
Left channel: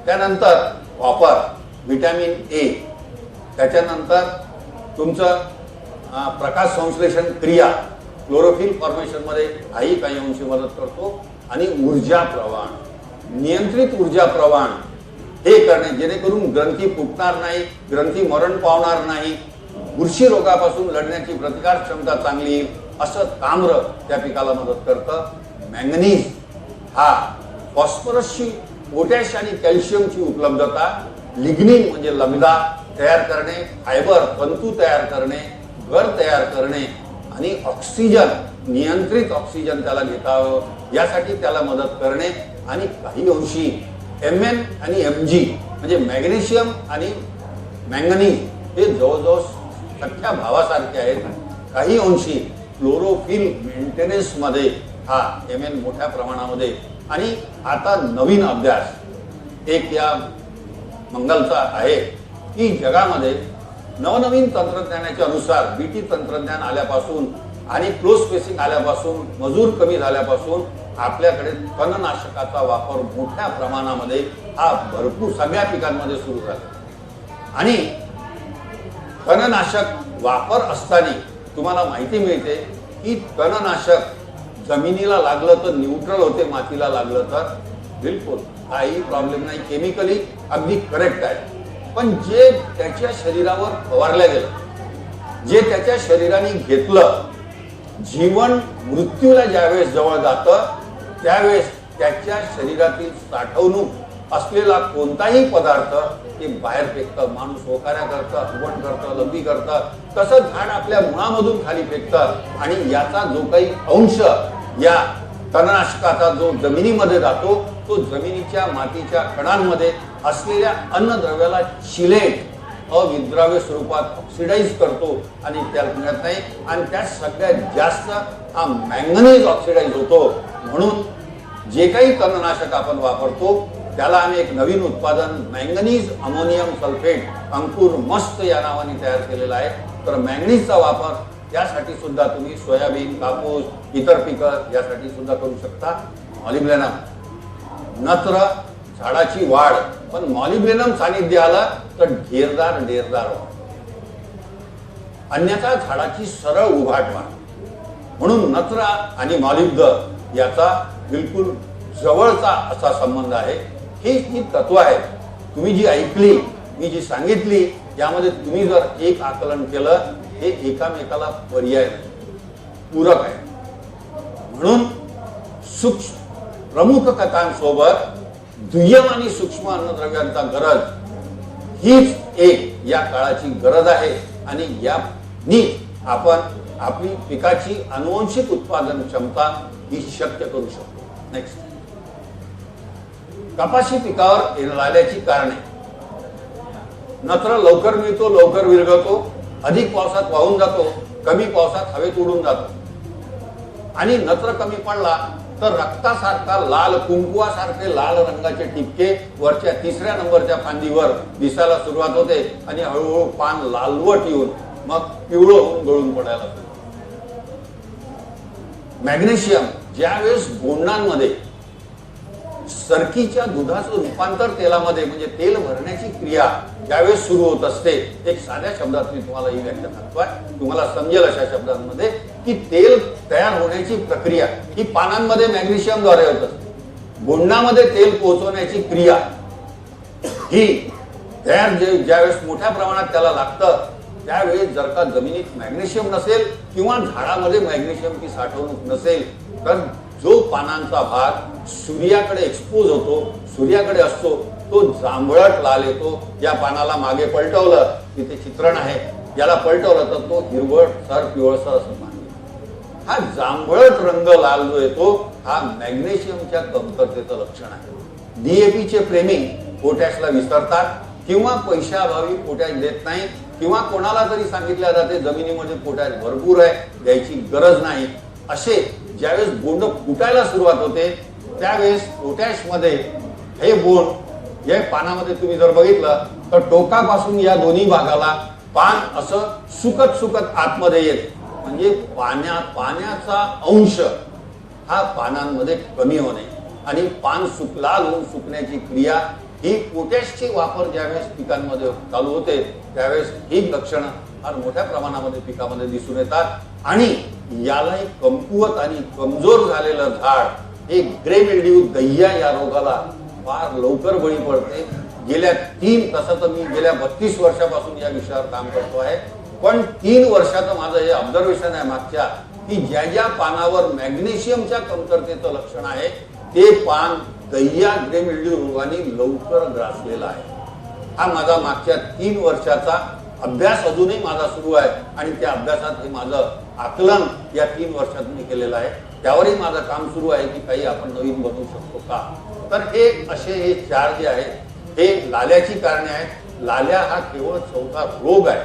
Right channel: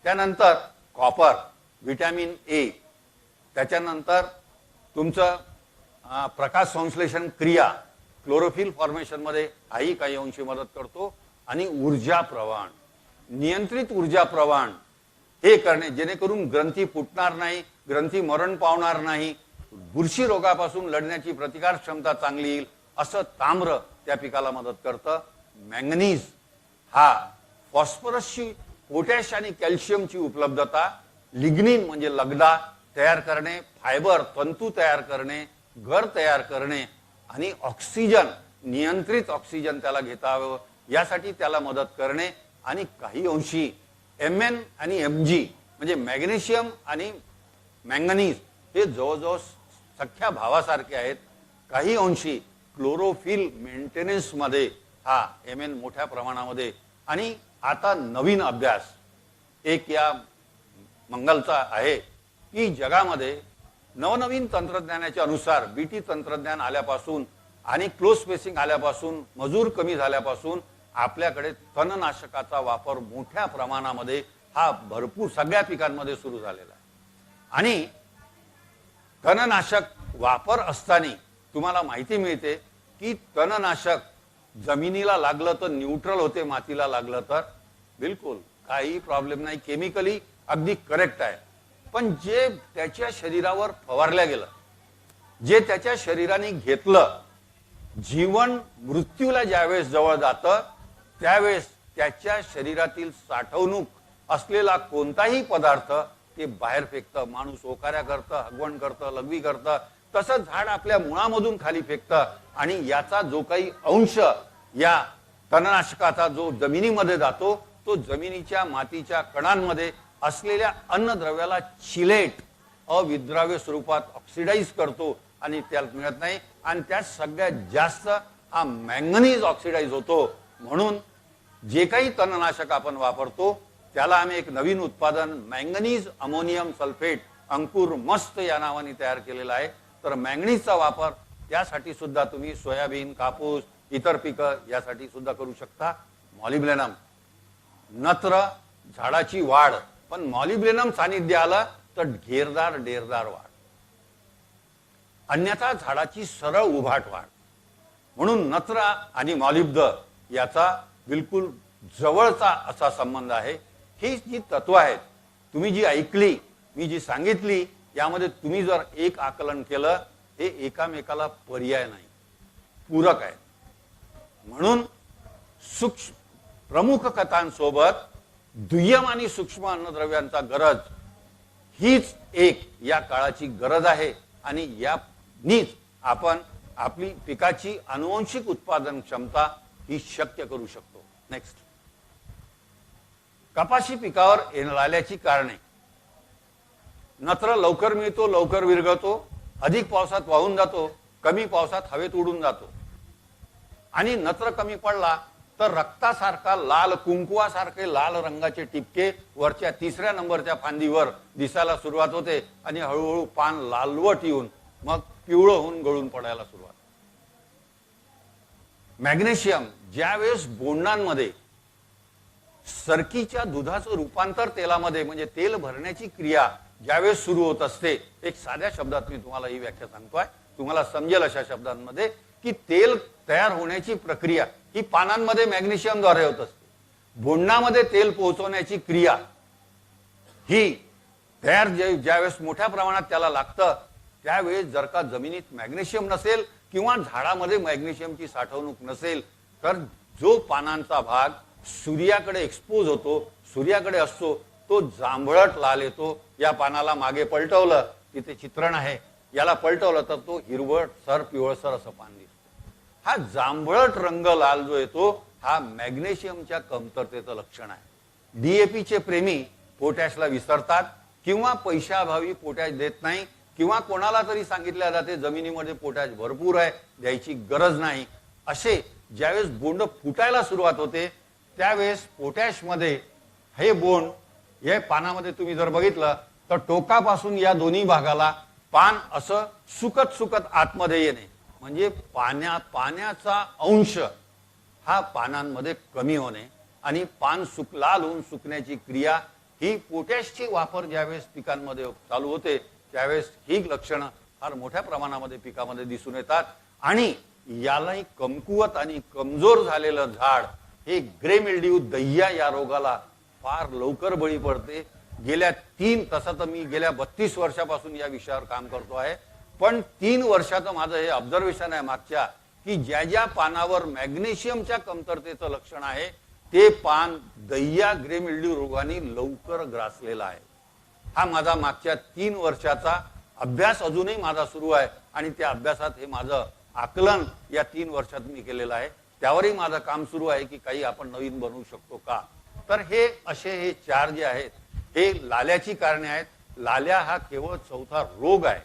त्यानंतर कॉपर, व्हिटॅमिन ए, त्याच्यानंतर तुमचं प्रकाश संश्लेषण क्रिया, क्लोरोफिल फॉर्मेशन मध्ये हाही काही अंशी मदत करतो. आणि ऊर्जा प्रवाहन, नियंत्रित ऊर्जा प्रवाहन हे करणे जेणेकरून ग्रंथी फुटणार नाही, ग्रंथी मरण पावणार नाही, बुरशी रोगापासून लढण्याची प्रतिकार क्षमता चांगली येईल, असं ताम्र त्या पिकाला मदत करतं. मॅंगनीज हा फॉस्फरसची, पोटॅश आणि कॅल्शियमची उपलब्धता, लिग्निन म्हणजे लगदा तयार करणे, फायबर तंतू तयार करणे, गर तयार करणे आणि ऑक्सिजन, नियंत्रित ऑक्सिजन त्याला घेता यावं यासाठी त्याला मदत करणे. आणि काही अंशी Mn आणि Mg म्हणजे मॅग्नेशियम आणि मॅंगनीज हे जवळजवळ सख्या भावासारखे आहेत. काही अंशी क्लोरोफिल मेंटेनन्स मध्ये हा Mn मोठ्या प्रमाणामध्ये. आणि आता नवीन अभ्यास एक या मंगलचा आहे की जगामध्ये नवनवीन तंत्रज्ञानाच्या अनुसार बीटी तंत्रज्ञान आल्यापासून आणि क्लोज स्पेसिंग आल्यापासून, मजूर कमी झाल्यापासून आपल्याकडे तणनाशकाचा वापर मोठ्या प्रमाणामध्ये हा भरपूर सगळ्या पिकांमध्ये सुरू झाला. आणि तणनाशक वापर असताना तुम्हाला माहिती मिळते की तणनाशक जमिनीला लागलं तर न्यूट्रल होते, मातीला लागलं तर बिलकुल काही प्रॉब्लेम नाही, केमिकली अगदी करेक्ट आहे. पण जे त्याच्या शरीरावर फवारल्या गेलं, जे त्याच्या शरीराने घेतलं, जीवन मृत्यूला ज्यावेळेस जवळ जातं त्यावेळेस त्याच्या शरीरातील साठवणूक असलेला कोणताही पदार्थ ते बाहेर फेकतं. माणूस ओकाऱ्या करतं, उगवण करतं, लघवी करतं, तसं झाड आपल्या मुळामधून खाली फेकतं. आणि याचा जो काही अंश या तणनाशकाचा जो जमिनीमध्ये जातो तो जमिनीच्या मातीच्या कणांमध्ये असलेल्या अन्नद्रव्याला चिलेट, अविद्राव्य स्वरूपात ऑक्सिडाइज करतो आणि त्याला मिळत नाही. आणि त्यात सगळ्यात जास्त हा मॅंगनीज ऑक्सिडाइज होतो. म्हणून जे काही तणनाशक आपण वापरतो त्याला आम्ही एक नवीन उत्पादन मॅंगनीज अमोनियम सल्फेट अंकुर मस्त या नावाने तयार केलेला आहे. तर मॅंगनीजचा वापर त्यासाठी सुद्धा तुम्ही सोयाबीन, कापूस, इतर पिकं यासाठी सुद्धा करू शकता. मॉलिब्डेनम, नत्र झाडाची वाढ, पण मॉलिब्डेनम सानिध्य आलं तर ढेरदार वाढ, अन्यथा झाडाची सरळ उभाट वाढ. म्हणून नत्र आणि मॉलिब्द याचा बिलकुल जवळचा असा संबंध आहे. ही जी तत्व आहेत तुम्ही जी ऐकली, मी जी सांगितली, यामध्ये तुम्ही जर एक आकलन केलं हे एकामेकाला पर्याय नाही, पूरक आहे. म्हणून सूक्ष्म प्रमुख कथांसोबत दुय्यम आणि सूक्ष्म अन्नद्रव्यांचा गरज हीच एक या काळाची गरज आहे. आणि यानी आपण आपली पिकाची आनुवंशिक उत्पादन क्षमता ही शक्य करू शकतो. नेक्स्ट, कपाशी पिकावर येणाऱ्याची कारणे. नत्र लवकर मिळतो, लवकर विरघळतो, अधिक पावसात वाहून जातो, कमी पावसात हवेत उडून जातो. आणि नत्र कमी पडला तर रक्तासारखा लाल, कुंकुवासारखे लाल रंगाचे ठिपके वरच्या 3ऱ्या नंबरच्या फांदीवर दिसायला सुरुवात होते आणि हळूहळू पान लालवट येऊन मग पिवळं होऊन गळून पडायला लागतो. मॅग्नेशियम ज्यावेळेस बोंडांमध्ये सरकीच्या दुधाचं रूपांतर तेलामध्ये म्हणजे तेल भरण्याची क्रिया ज्यावेळेस सुरू होत असते, एक साध्या शब्दात मी तुम्हाला ही व्याख्या सांगतोय, तुम्हाला समजेल अशा शब्दांमध्ये, की तेल तयार होण्याची प्रक्रिया ही पानांमध्ये मॅग्नेशियमद्वारे होत असते. बोंडामध्ये तेल पोहोचवण्याची क्रिया ही तयार ज्यावेळेस मोठ्या प्रमाणात त्याला लागतं त्यावेळेस जर का जमिनीत मॅग्नेशियम नसेल किंवा झाडामध्ये मॅग्नेशियमची साठवणूक नसेल तर जो पानांचा भाग सूर्याकडे एक्सपोज होतो, सूर्याकडे असतो, तो जांभळट लाल येतो. या पानाला मागे पलटवलं तिथे चित्रण आहे, याला पलटवलं तर तो हिरवटसर पिवळसर असं मानलं. हा जांभळट रंग लाल जो येतो हा मॅग्नेशियमच्या कमतरतेचं लक्षण आहे. डीएपीचे प्रेमी पोटॅशला विसरतात किंवा पैशाअभावी पोटॅश देत नाही, किंवा कोणाला तरी सांगितलं जाते जमिनीमध्ये पोटॅश भरपूर आहे, द्यायची गरज नाही. असे ज्यावेळेस बोंड फुटायला सुरुवात होते त्यावेळेस पोटॅश मध्ये हे बोंड हे पानामध्ये तुम्ही जर बघितलं तर टोकापासून या दोन्ही भागाला पान असं सुकत सुकत आतमध्ये येत, म्हणजे पाण्याचा अंश हा पानांमध्ये कमी होणे आणि पान लाल होऊन सुकण्याची क्रिया ही पोटॅशची वापर ज्यावेळेस पिकांमध्ये चालू होते त्यावेळेस ही लक्षणं फार मोठ्या प्रमाणामध्ये पिकामध्ये दिसून येतात. आणि याला एक कमकुवत आणि कमजोर झालेलं झाड, एक ग्रे मिल्ड्यू दह्या या रोगाला फार लवकर बळी पडते. तसं तर मी गेल्या 32 वर्षापासून या विषयावर काम करतो आहे, पण 3 वर्षात माझं हे ऑब्झर्वेशन आहे मागच्या, की ज्या ज्या पानावर मॅग्नेशियमच्या कमतरतेचं लक्षण आहे ते पान दह्या ग्रे मिल्ड्यू रोगाने लवकर ग्रासलेला आहे. हा माझा मागच्या 3 वर्षाचा अभ्यास अजूनही माझा सुरू आहे आणि त्या अभ्यासात हे माझं आकलन या 3 वर्षात मी केलेलं आहे. त्यावरही माझं काम सुरू आहे की काही आपण नवीन बनवू शकतो का. तर हे असे हे 4 जे आहेत हे लाल्याची कारणे आहेत. लाल्या हा केवळ चौथा रोग आहे,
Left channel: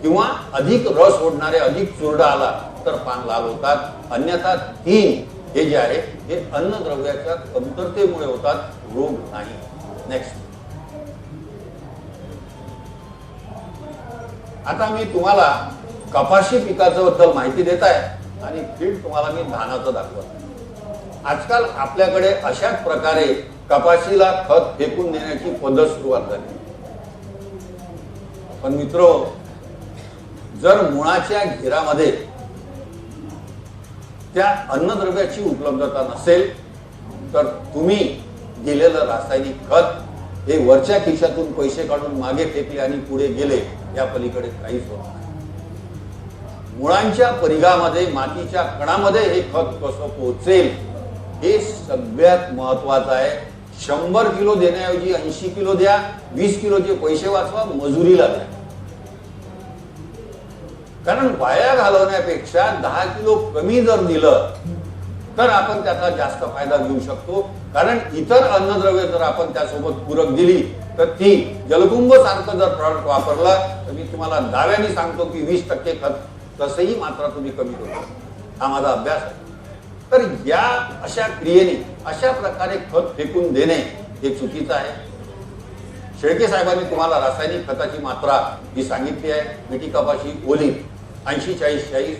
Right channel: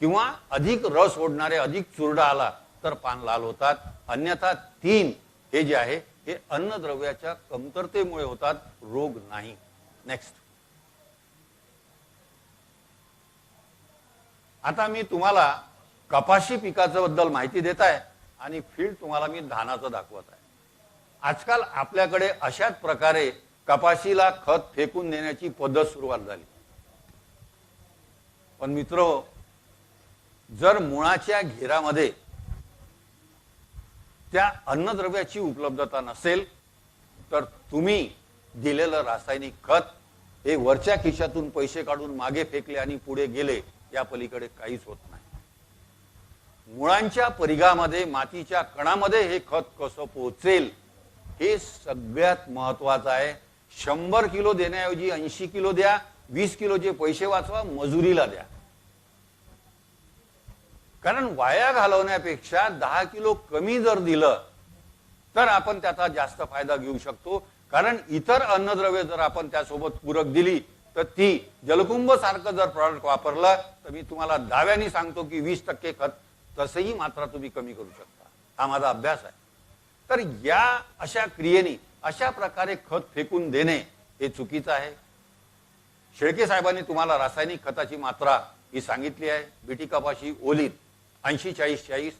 किंवा अधिक रस ओढणारे अधिक चुरडा आला तर पान लाल होतात. अन्यथा 3 हे जे आहे हे अन्नद्रव्याच्या कमतरतेमुळे होतात, रोग नाही. नेक्स्ट. आता मी तुम्हाला कपाशी पिकाच्या बद्दल माहिती देत आहे आणि फील्ड तुम्हाला मी धानाचं दाखवत. आजकाल आपल्याकडे अशाच प्रकारे कपाशीला खत फेकून देण्याची पद्धत सुरुवात झाली. पण मित्र, जर मुळाच्या घेरामध्ये त्या अन्नद्रव्याची उपलब्धता नसेल तर तुम्ही दिलेलं रासायनिक खत हे वरच्या खिशातून पैसे काढून मागे फेकले आणि पुढे गेले, त्या पलीकडे काहीच होत नाही. मुळांच्या परिघामध्ये मातीच्या कणामध्ये हे खत कसं पोहोचेल हे सगळ्यात महत्वाचं आहे. 100 किलो देण्याऐवजी 80 किलो द्या, 20 किलोचे पैसे वाचवा, मजुरीला द्या. कारण वाया घालवण्यापेक्षा 10 किलो कमी जर दिलं तर आपण त्याचा जास्त फायदा घेऊ शकतो. कारण इतर अन्नद्रव्य जर आपण त्यासोबत पूरक दिली तर ती जलकुंभ सारखं जर प्रॉडक्ट वापरलं तर मी तुम्हाला दाव्याने सांगतो की 20% खत तसंही मात्रा तुम्ही कमी करू. हा माझा अभ्यास आहे. तर या अशा क्रियेने अशा प्रकारे खत फेकून देणे हे चुकीचं आहे. शेळके साहेबांनी तुम्हाला रासायनिक खताची मात्रा ही सांगितली आहे. पिटी कपाशी ओली 80-40-40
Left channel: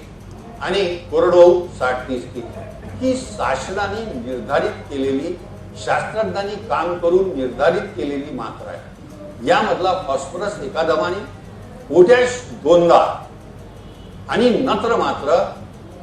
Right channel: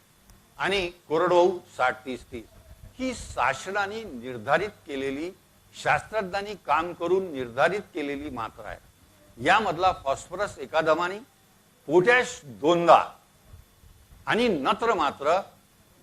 आणि कोरडवाहू 60-30-30 ही शासनाने निर्धारित केलेली, शास्त्रज्ञांनी काम करून निर्धारित केलेली मात्रा आहे. यामधला फॉस्फरस एका दमाने, पोटॅश 2दा आणि नत्र मात्र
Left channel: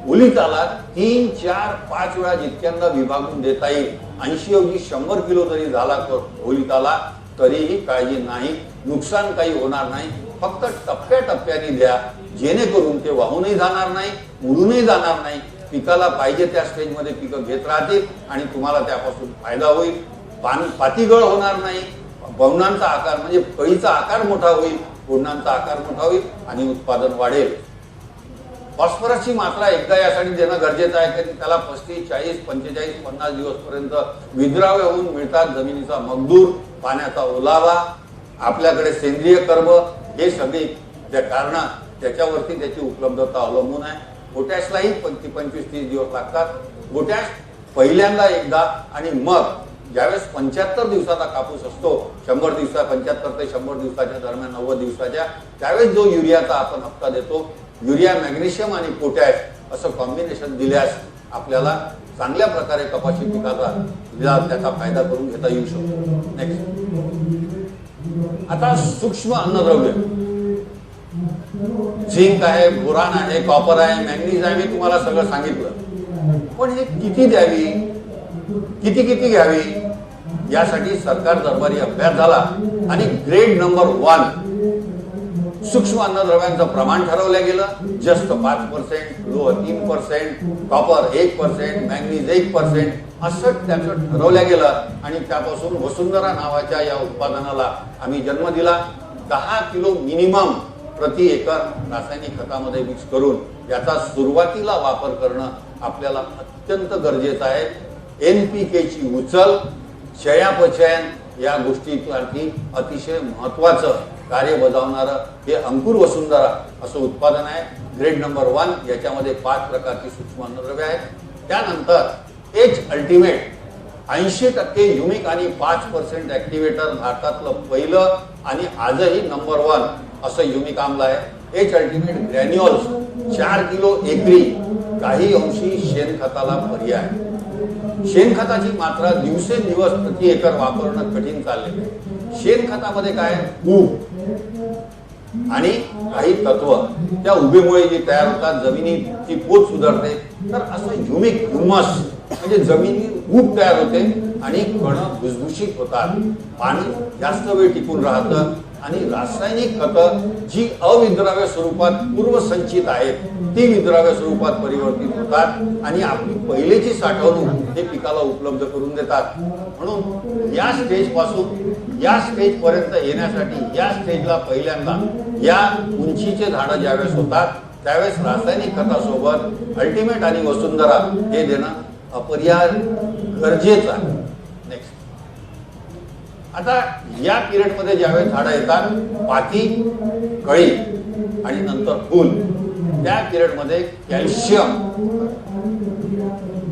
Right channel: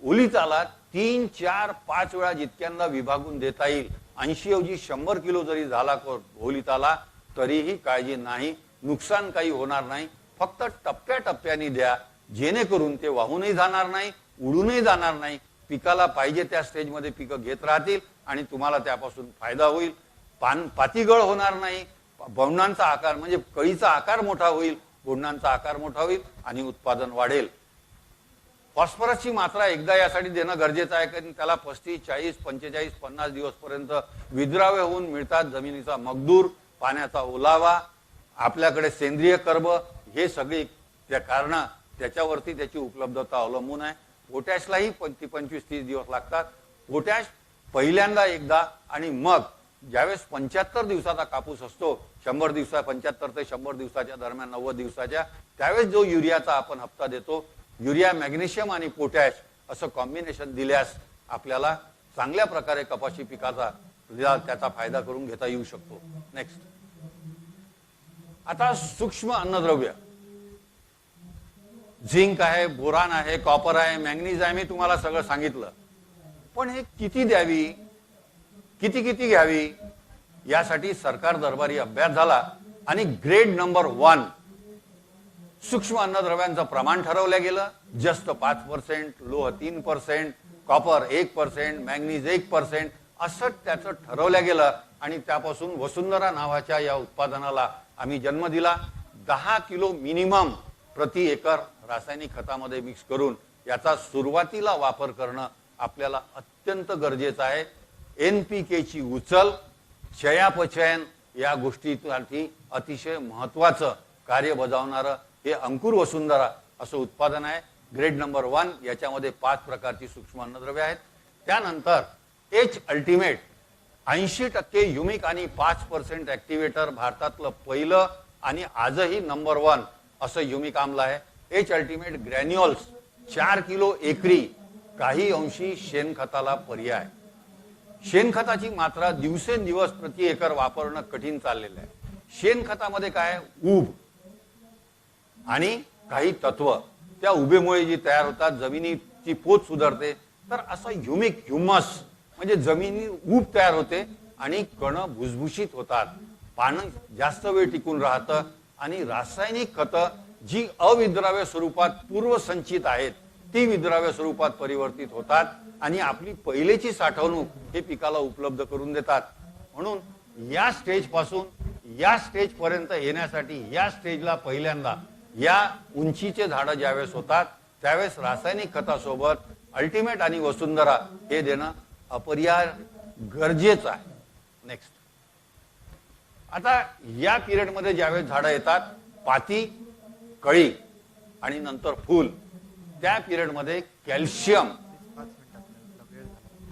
ओलिताला 3, 4, 5 वेळा जितक्यांदा विभागून देता येईल. 80 ऐवजी 100 किलो जरी झाला तर ओलिताला तरीही काळजी नाही, नुकसान काही होणार नाही. फक्त टप्प्याटप्प्याने द्या, जेणेकरून ते वाहूनही जाणार नाही, उडूनही जाणार नाही. पिकाला पाहिजे त्या स्टेजमध्ये पिकं घेत राहतील आणि तुम्हाला त्यापासून फायदा होईल. पातीगळ होणार नाही, बवणांचा आकार म्हणजे कळीचा आकार मोठा होईल, पुढणांचा आकार मोठा होईल आणि उत्पादन वाढेल. फॉस्फरसची मात्रा एकदा यासाठी देणं गरजेचं आहे की त्याला 35, 40, 45, 50 दिवस पर्यंत विद्राव्य होऊन मिळतात. जमिनीचा मजदूर, पाण्याचा ओलावा, आपल्याकडे सेंद्रिय कर्म हे सगळे त्या कारण त्याच्यावरती त्याची उपलब्धता अवलंबून आहे. पोटॅशलाही 25-30 दिवस लागतात. पोटॅश पहिल्यांदा एकदा आणि मग ज्यावेळेस 75 दिवसाचा कापूस असतो, 100 दिवसा 75 ते 100 दिवसाच्या दरम्यान 90 दिवसाच्या, त्यावेळेस जो युरियाचा आपण हप्ता देतो, युरिया, मॅग्नेशियम आणि पोटॅश असं कॉम्बिनेशन दिल्यास आपल्याला चांगल्या प्रकारे कपाशी पिकाचा त्याचा फायदा करून घेता येऊ शकतो. नेक्स्ट. आता सूक्ष्म अन्नद्रव्य, झिंक आहे, बोरान आहे, कॉपर आहे, मॅंगनीज आहे, मी तुम्हाला सगळं सांगितलं. पण हे किती द्यावी, किती घ्यावी यासाठी सरकार दरबारी अभ्यास झाला आणि ग्रेड नंबर 1 सूक्ष्म अन्नद्रव्यांचं प्रमाण ठरवलं गेलं, जस्त 5%, लोह 3%, कॉपर 1%, मॅंगनीज 1%, असं त्याचं ठरवलं गेलं आणि त्यापासून वसुंधरा नावाच्या या उत्पादनाला आम्ही जन्म दिला. 10 किलो मिनिमम प्रति एकर रासायनिक खतामध्ये मिक्स करून याचा सुरुवातीला वापर करणं आपल्याला अत्यंत गरजेचं आहे. NPK ची उचल, चयापचयन या गोष्टीसाठी अतिशय महत्वाचं कार्य बजावणारं हे अंकुर वसुंधरा असं उत्पादन आहे. ग्रेड नंबर 1 याच्यामध्ये 5 प्रकारची सूक्ष्म अन्नद्रव्ये आहेत. त्यानंतर एच अल्टिमेट 80% युनिक आणि 5% ऍक्टिव्हेटर भारतातलं पहिलं आणि आजही नंबर 1 असं युनिक आम्ल आहे. एच अल्टिमेट ग्रॅन्युअल्स 4 किलो एकरी, काही अंशी शेणखताला पर्याय. शेणखताची मात्रा दिवसेंदिवस प्रति एकर वापरणं कठीण चालले. शेणखतामध्ये काय ऊब आणि काही तत्व त्या उभेमुळे जी तयार होतात, जमिनीची पोत सुधारते. तर असं ह्युमिक ह्युमस म्हणजे जमिनी ऊब तयार होते आणि कण भुसभुशीत होतात, पाणी जास्त वेळ टिकून राहतं आणि रासायनिक खतं जी अविद्राव्य स्वरूपात पूर्वसंचित आहेत ती विद्राव्य स्वरूपात परिवर्तित होतात आणि आपली पहिलेची साठवणूक हे पिकाला उपलब्ध करून देतात. म्हणून या स्टेज पासून या स्टेज पर्यंत येण्यासाठी या स्टेजला पहिल्यांदा या उंचीचे झाडं ज्यावेळेस होतात त्यावेळेस रासायनिक खतासोबत अल्टिमेट आणि वसुंधरा हे देणं अपरिहार्य गरजेचं आहे. नेक्स्ट, आता या पिरियड मध्ये ज्यावेळेस झाडं येतात, पाती, कळी आणि नंतर फूल, त्या पिरियड मध्ये कॅल्शियम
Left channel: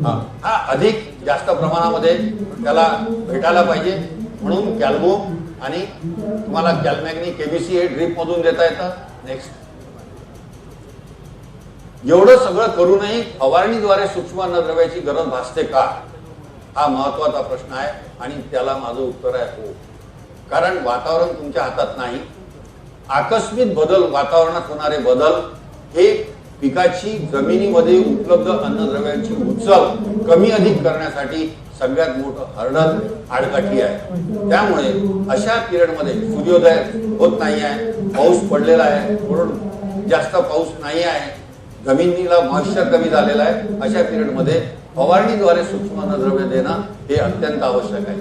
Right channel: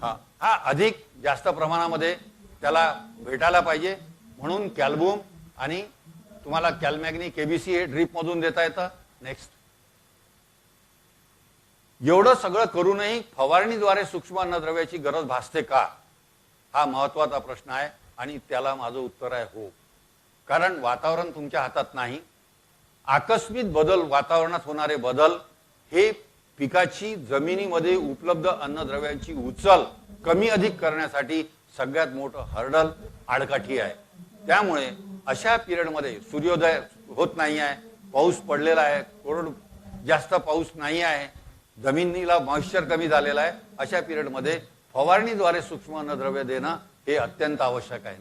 हा अधिक जास्त प्रमाणामध्ये त्याला भेटायला पाहिजे. म्हणून कॅल्मो आणि तुम्हाला कॅल्मॅग्नी केबीसी हे ड्रिप मधून देता येतं. नेक्स्ट, एवढं सगळं करूनही फवारणीद्वारे सूक्ष्म अन्नद्रव्याची गरज भासते का, हा महत्वाचा प्रश्न आहे आणि त्याला माझं उत्तर आहे हो. कारण वातावरण तुमच्या हातात नाही. आकस्मिक बदल, वातावरणात होणारे बदल हे पिकाची जमिनीमध्ये उपलब्ध अन्नद्रव्यांची उचल कमी अधिक करण्यासाठी सगळ्यात मोठं हर्डल आडकाठी आहे. त्यामुळे अशा पिरियड मध्ये सूर्योदय होत नाही आहे, पाऊस पडलेला आहे, थोडं जास्त पाऊस नाही आहे, जमिनीला मॉइश्चर कमी झालेला आहे, अशा पिरियड मध्ये फवारणीद्वारे सूक्ष्म अन्नद्रव्य देणं हे अत्यंत आवश्यक आहे.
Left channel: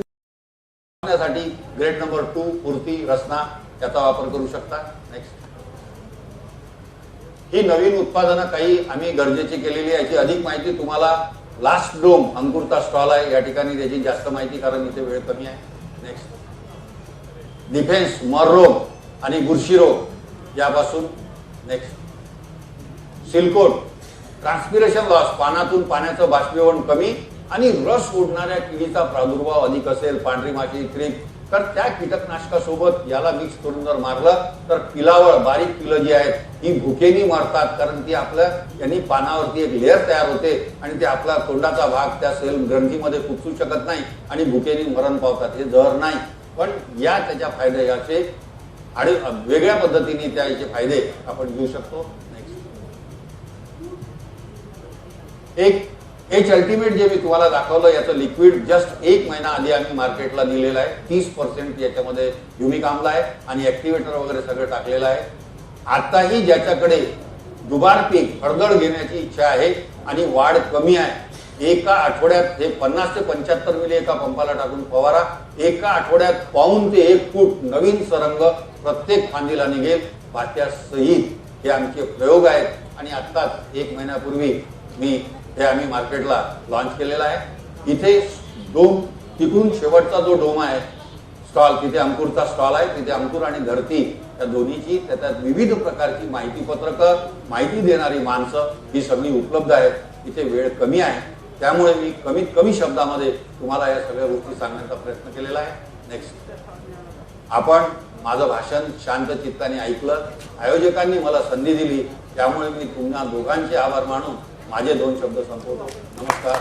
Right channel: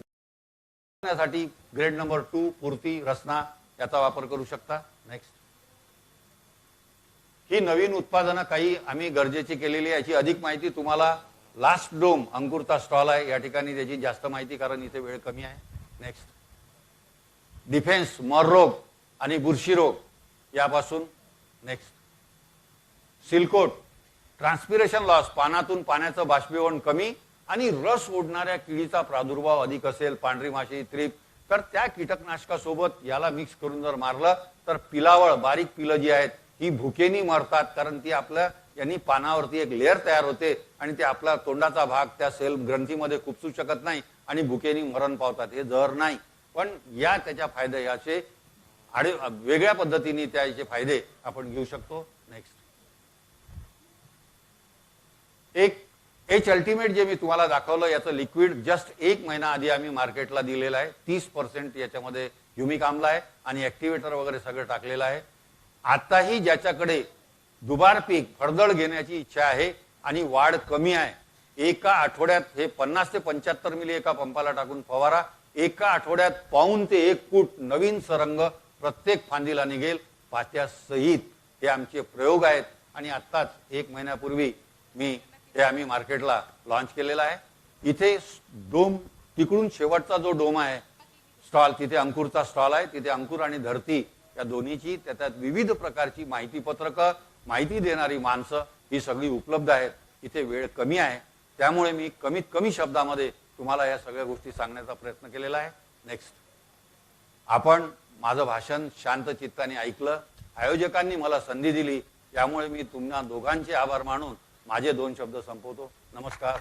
त्यासाठी ग्रेड नंबर 2 पूर्ती रसना याचा वापर करू शकता. नेक्स्ट, ही नवीन उत्पादनं काही आम्ही गरजेची केलेली आहे. याची अधिक माहिती तुम्हाला लास्ट डोम अंकुरचा स्टॉल आहे या ठिकाणी त्याची जास्त माहिती, कारण इथे वेळ कमी आहे. नेक्स्ट, डिफेन्स, मर रोग आणि बुरशी रोग यापासून. नेक्स्ट, सिल्कोट, ट्रान्सपिरेशन लॉस, पानातून पाण्याचं बाष्पीभवन कमी आणि रस ओढणाऱ्या किडीचा प्रादुर्भाव अधिक असेल, पांढरी माशी, थ्रिप, तर त्या कीटकनाशकासोबत याला मिक्स करून जर मारलं तर पिलावळ, बारीक पिलं जी आहेत ही भुकेनी मरतात. कारण ती आपल्या यांनी पानावरती एक लेअर तयार होते आणि ते आपला तोंडाचा भाग त्या सेल ग्रंथीमध्ये खुपसू शकत नाही आणि भुकेनी मरण पावतात. हे जहर नाही, पण या त्याच्या फायदे याचे आणि वेगळ्या पद्धतीने त्याचे फायदे आपण घेऊ शकतो. एक एच अल्टिमेट जे मी तुम्हाला दाखवलं याचं लिक्विड जस्ट 1 महिना आधी आम्ही मार्केटला दिलेलं आहे. 30% याच्यामध्ये ह्युमिक आम्ल आहे आणि ऍक्टिव्हेटर वगैरे सगळं टाकलेलं आहे. आताही ज्याच्याकडे दुबार पीक फळगड घेण्याची इच्छा आहे आणि वाढ कमी आहे, एका आठवड्यात हे 50 ते 75 मिली एका पंपाला टाकून फवारा. एका आठवड्यात पाऊण ते 1 फूट नवीन सरंग प्रत्येक फांदीला निघेल पात्यासहित. हे आमचे प्रयोग आहेत आणि आत्ताच 1 महिन्यापूर्वी मी हे आम्ही मार्केटला लॉन्च केलेला आहे. इथे डोम, तिकडून शेवटचा जो डोम आहे स्टॉल, तिथे अंकुरचा स्टॉल आहे. तिथे अंकुर आणि धरती या दोन्हीची, त्याच्यात विविध प्रकारची माहिती पत्रकं, माहिती देणारी माणसं ही सगळी उपलब्ध आहेत. इथे वेळ कमी आहे त्यामुळे मी कमीत कमी शब्दामध्ये तुम्हाला या सगळ्या गोष्टी सांगण्याचा प्रयत्न केलेला आहे. नेक्स्ट, आपण माझं भाषण शांत चित्ताने ऐकलं, आयोजकांनी मला संधी दिली, त्यामुळे मी तुम्हा दोघांचे आभार मानून माझे 2 शब्द संपवतो. नमस्कार.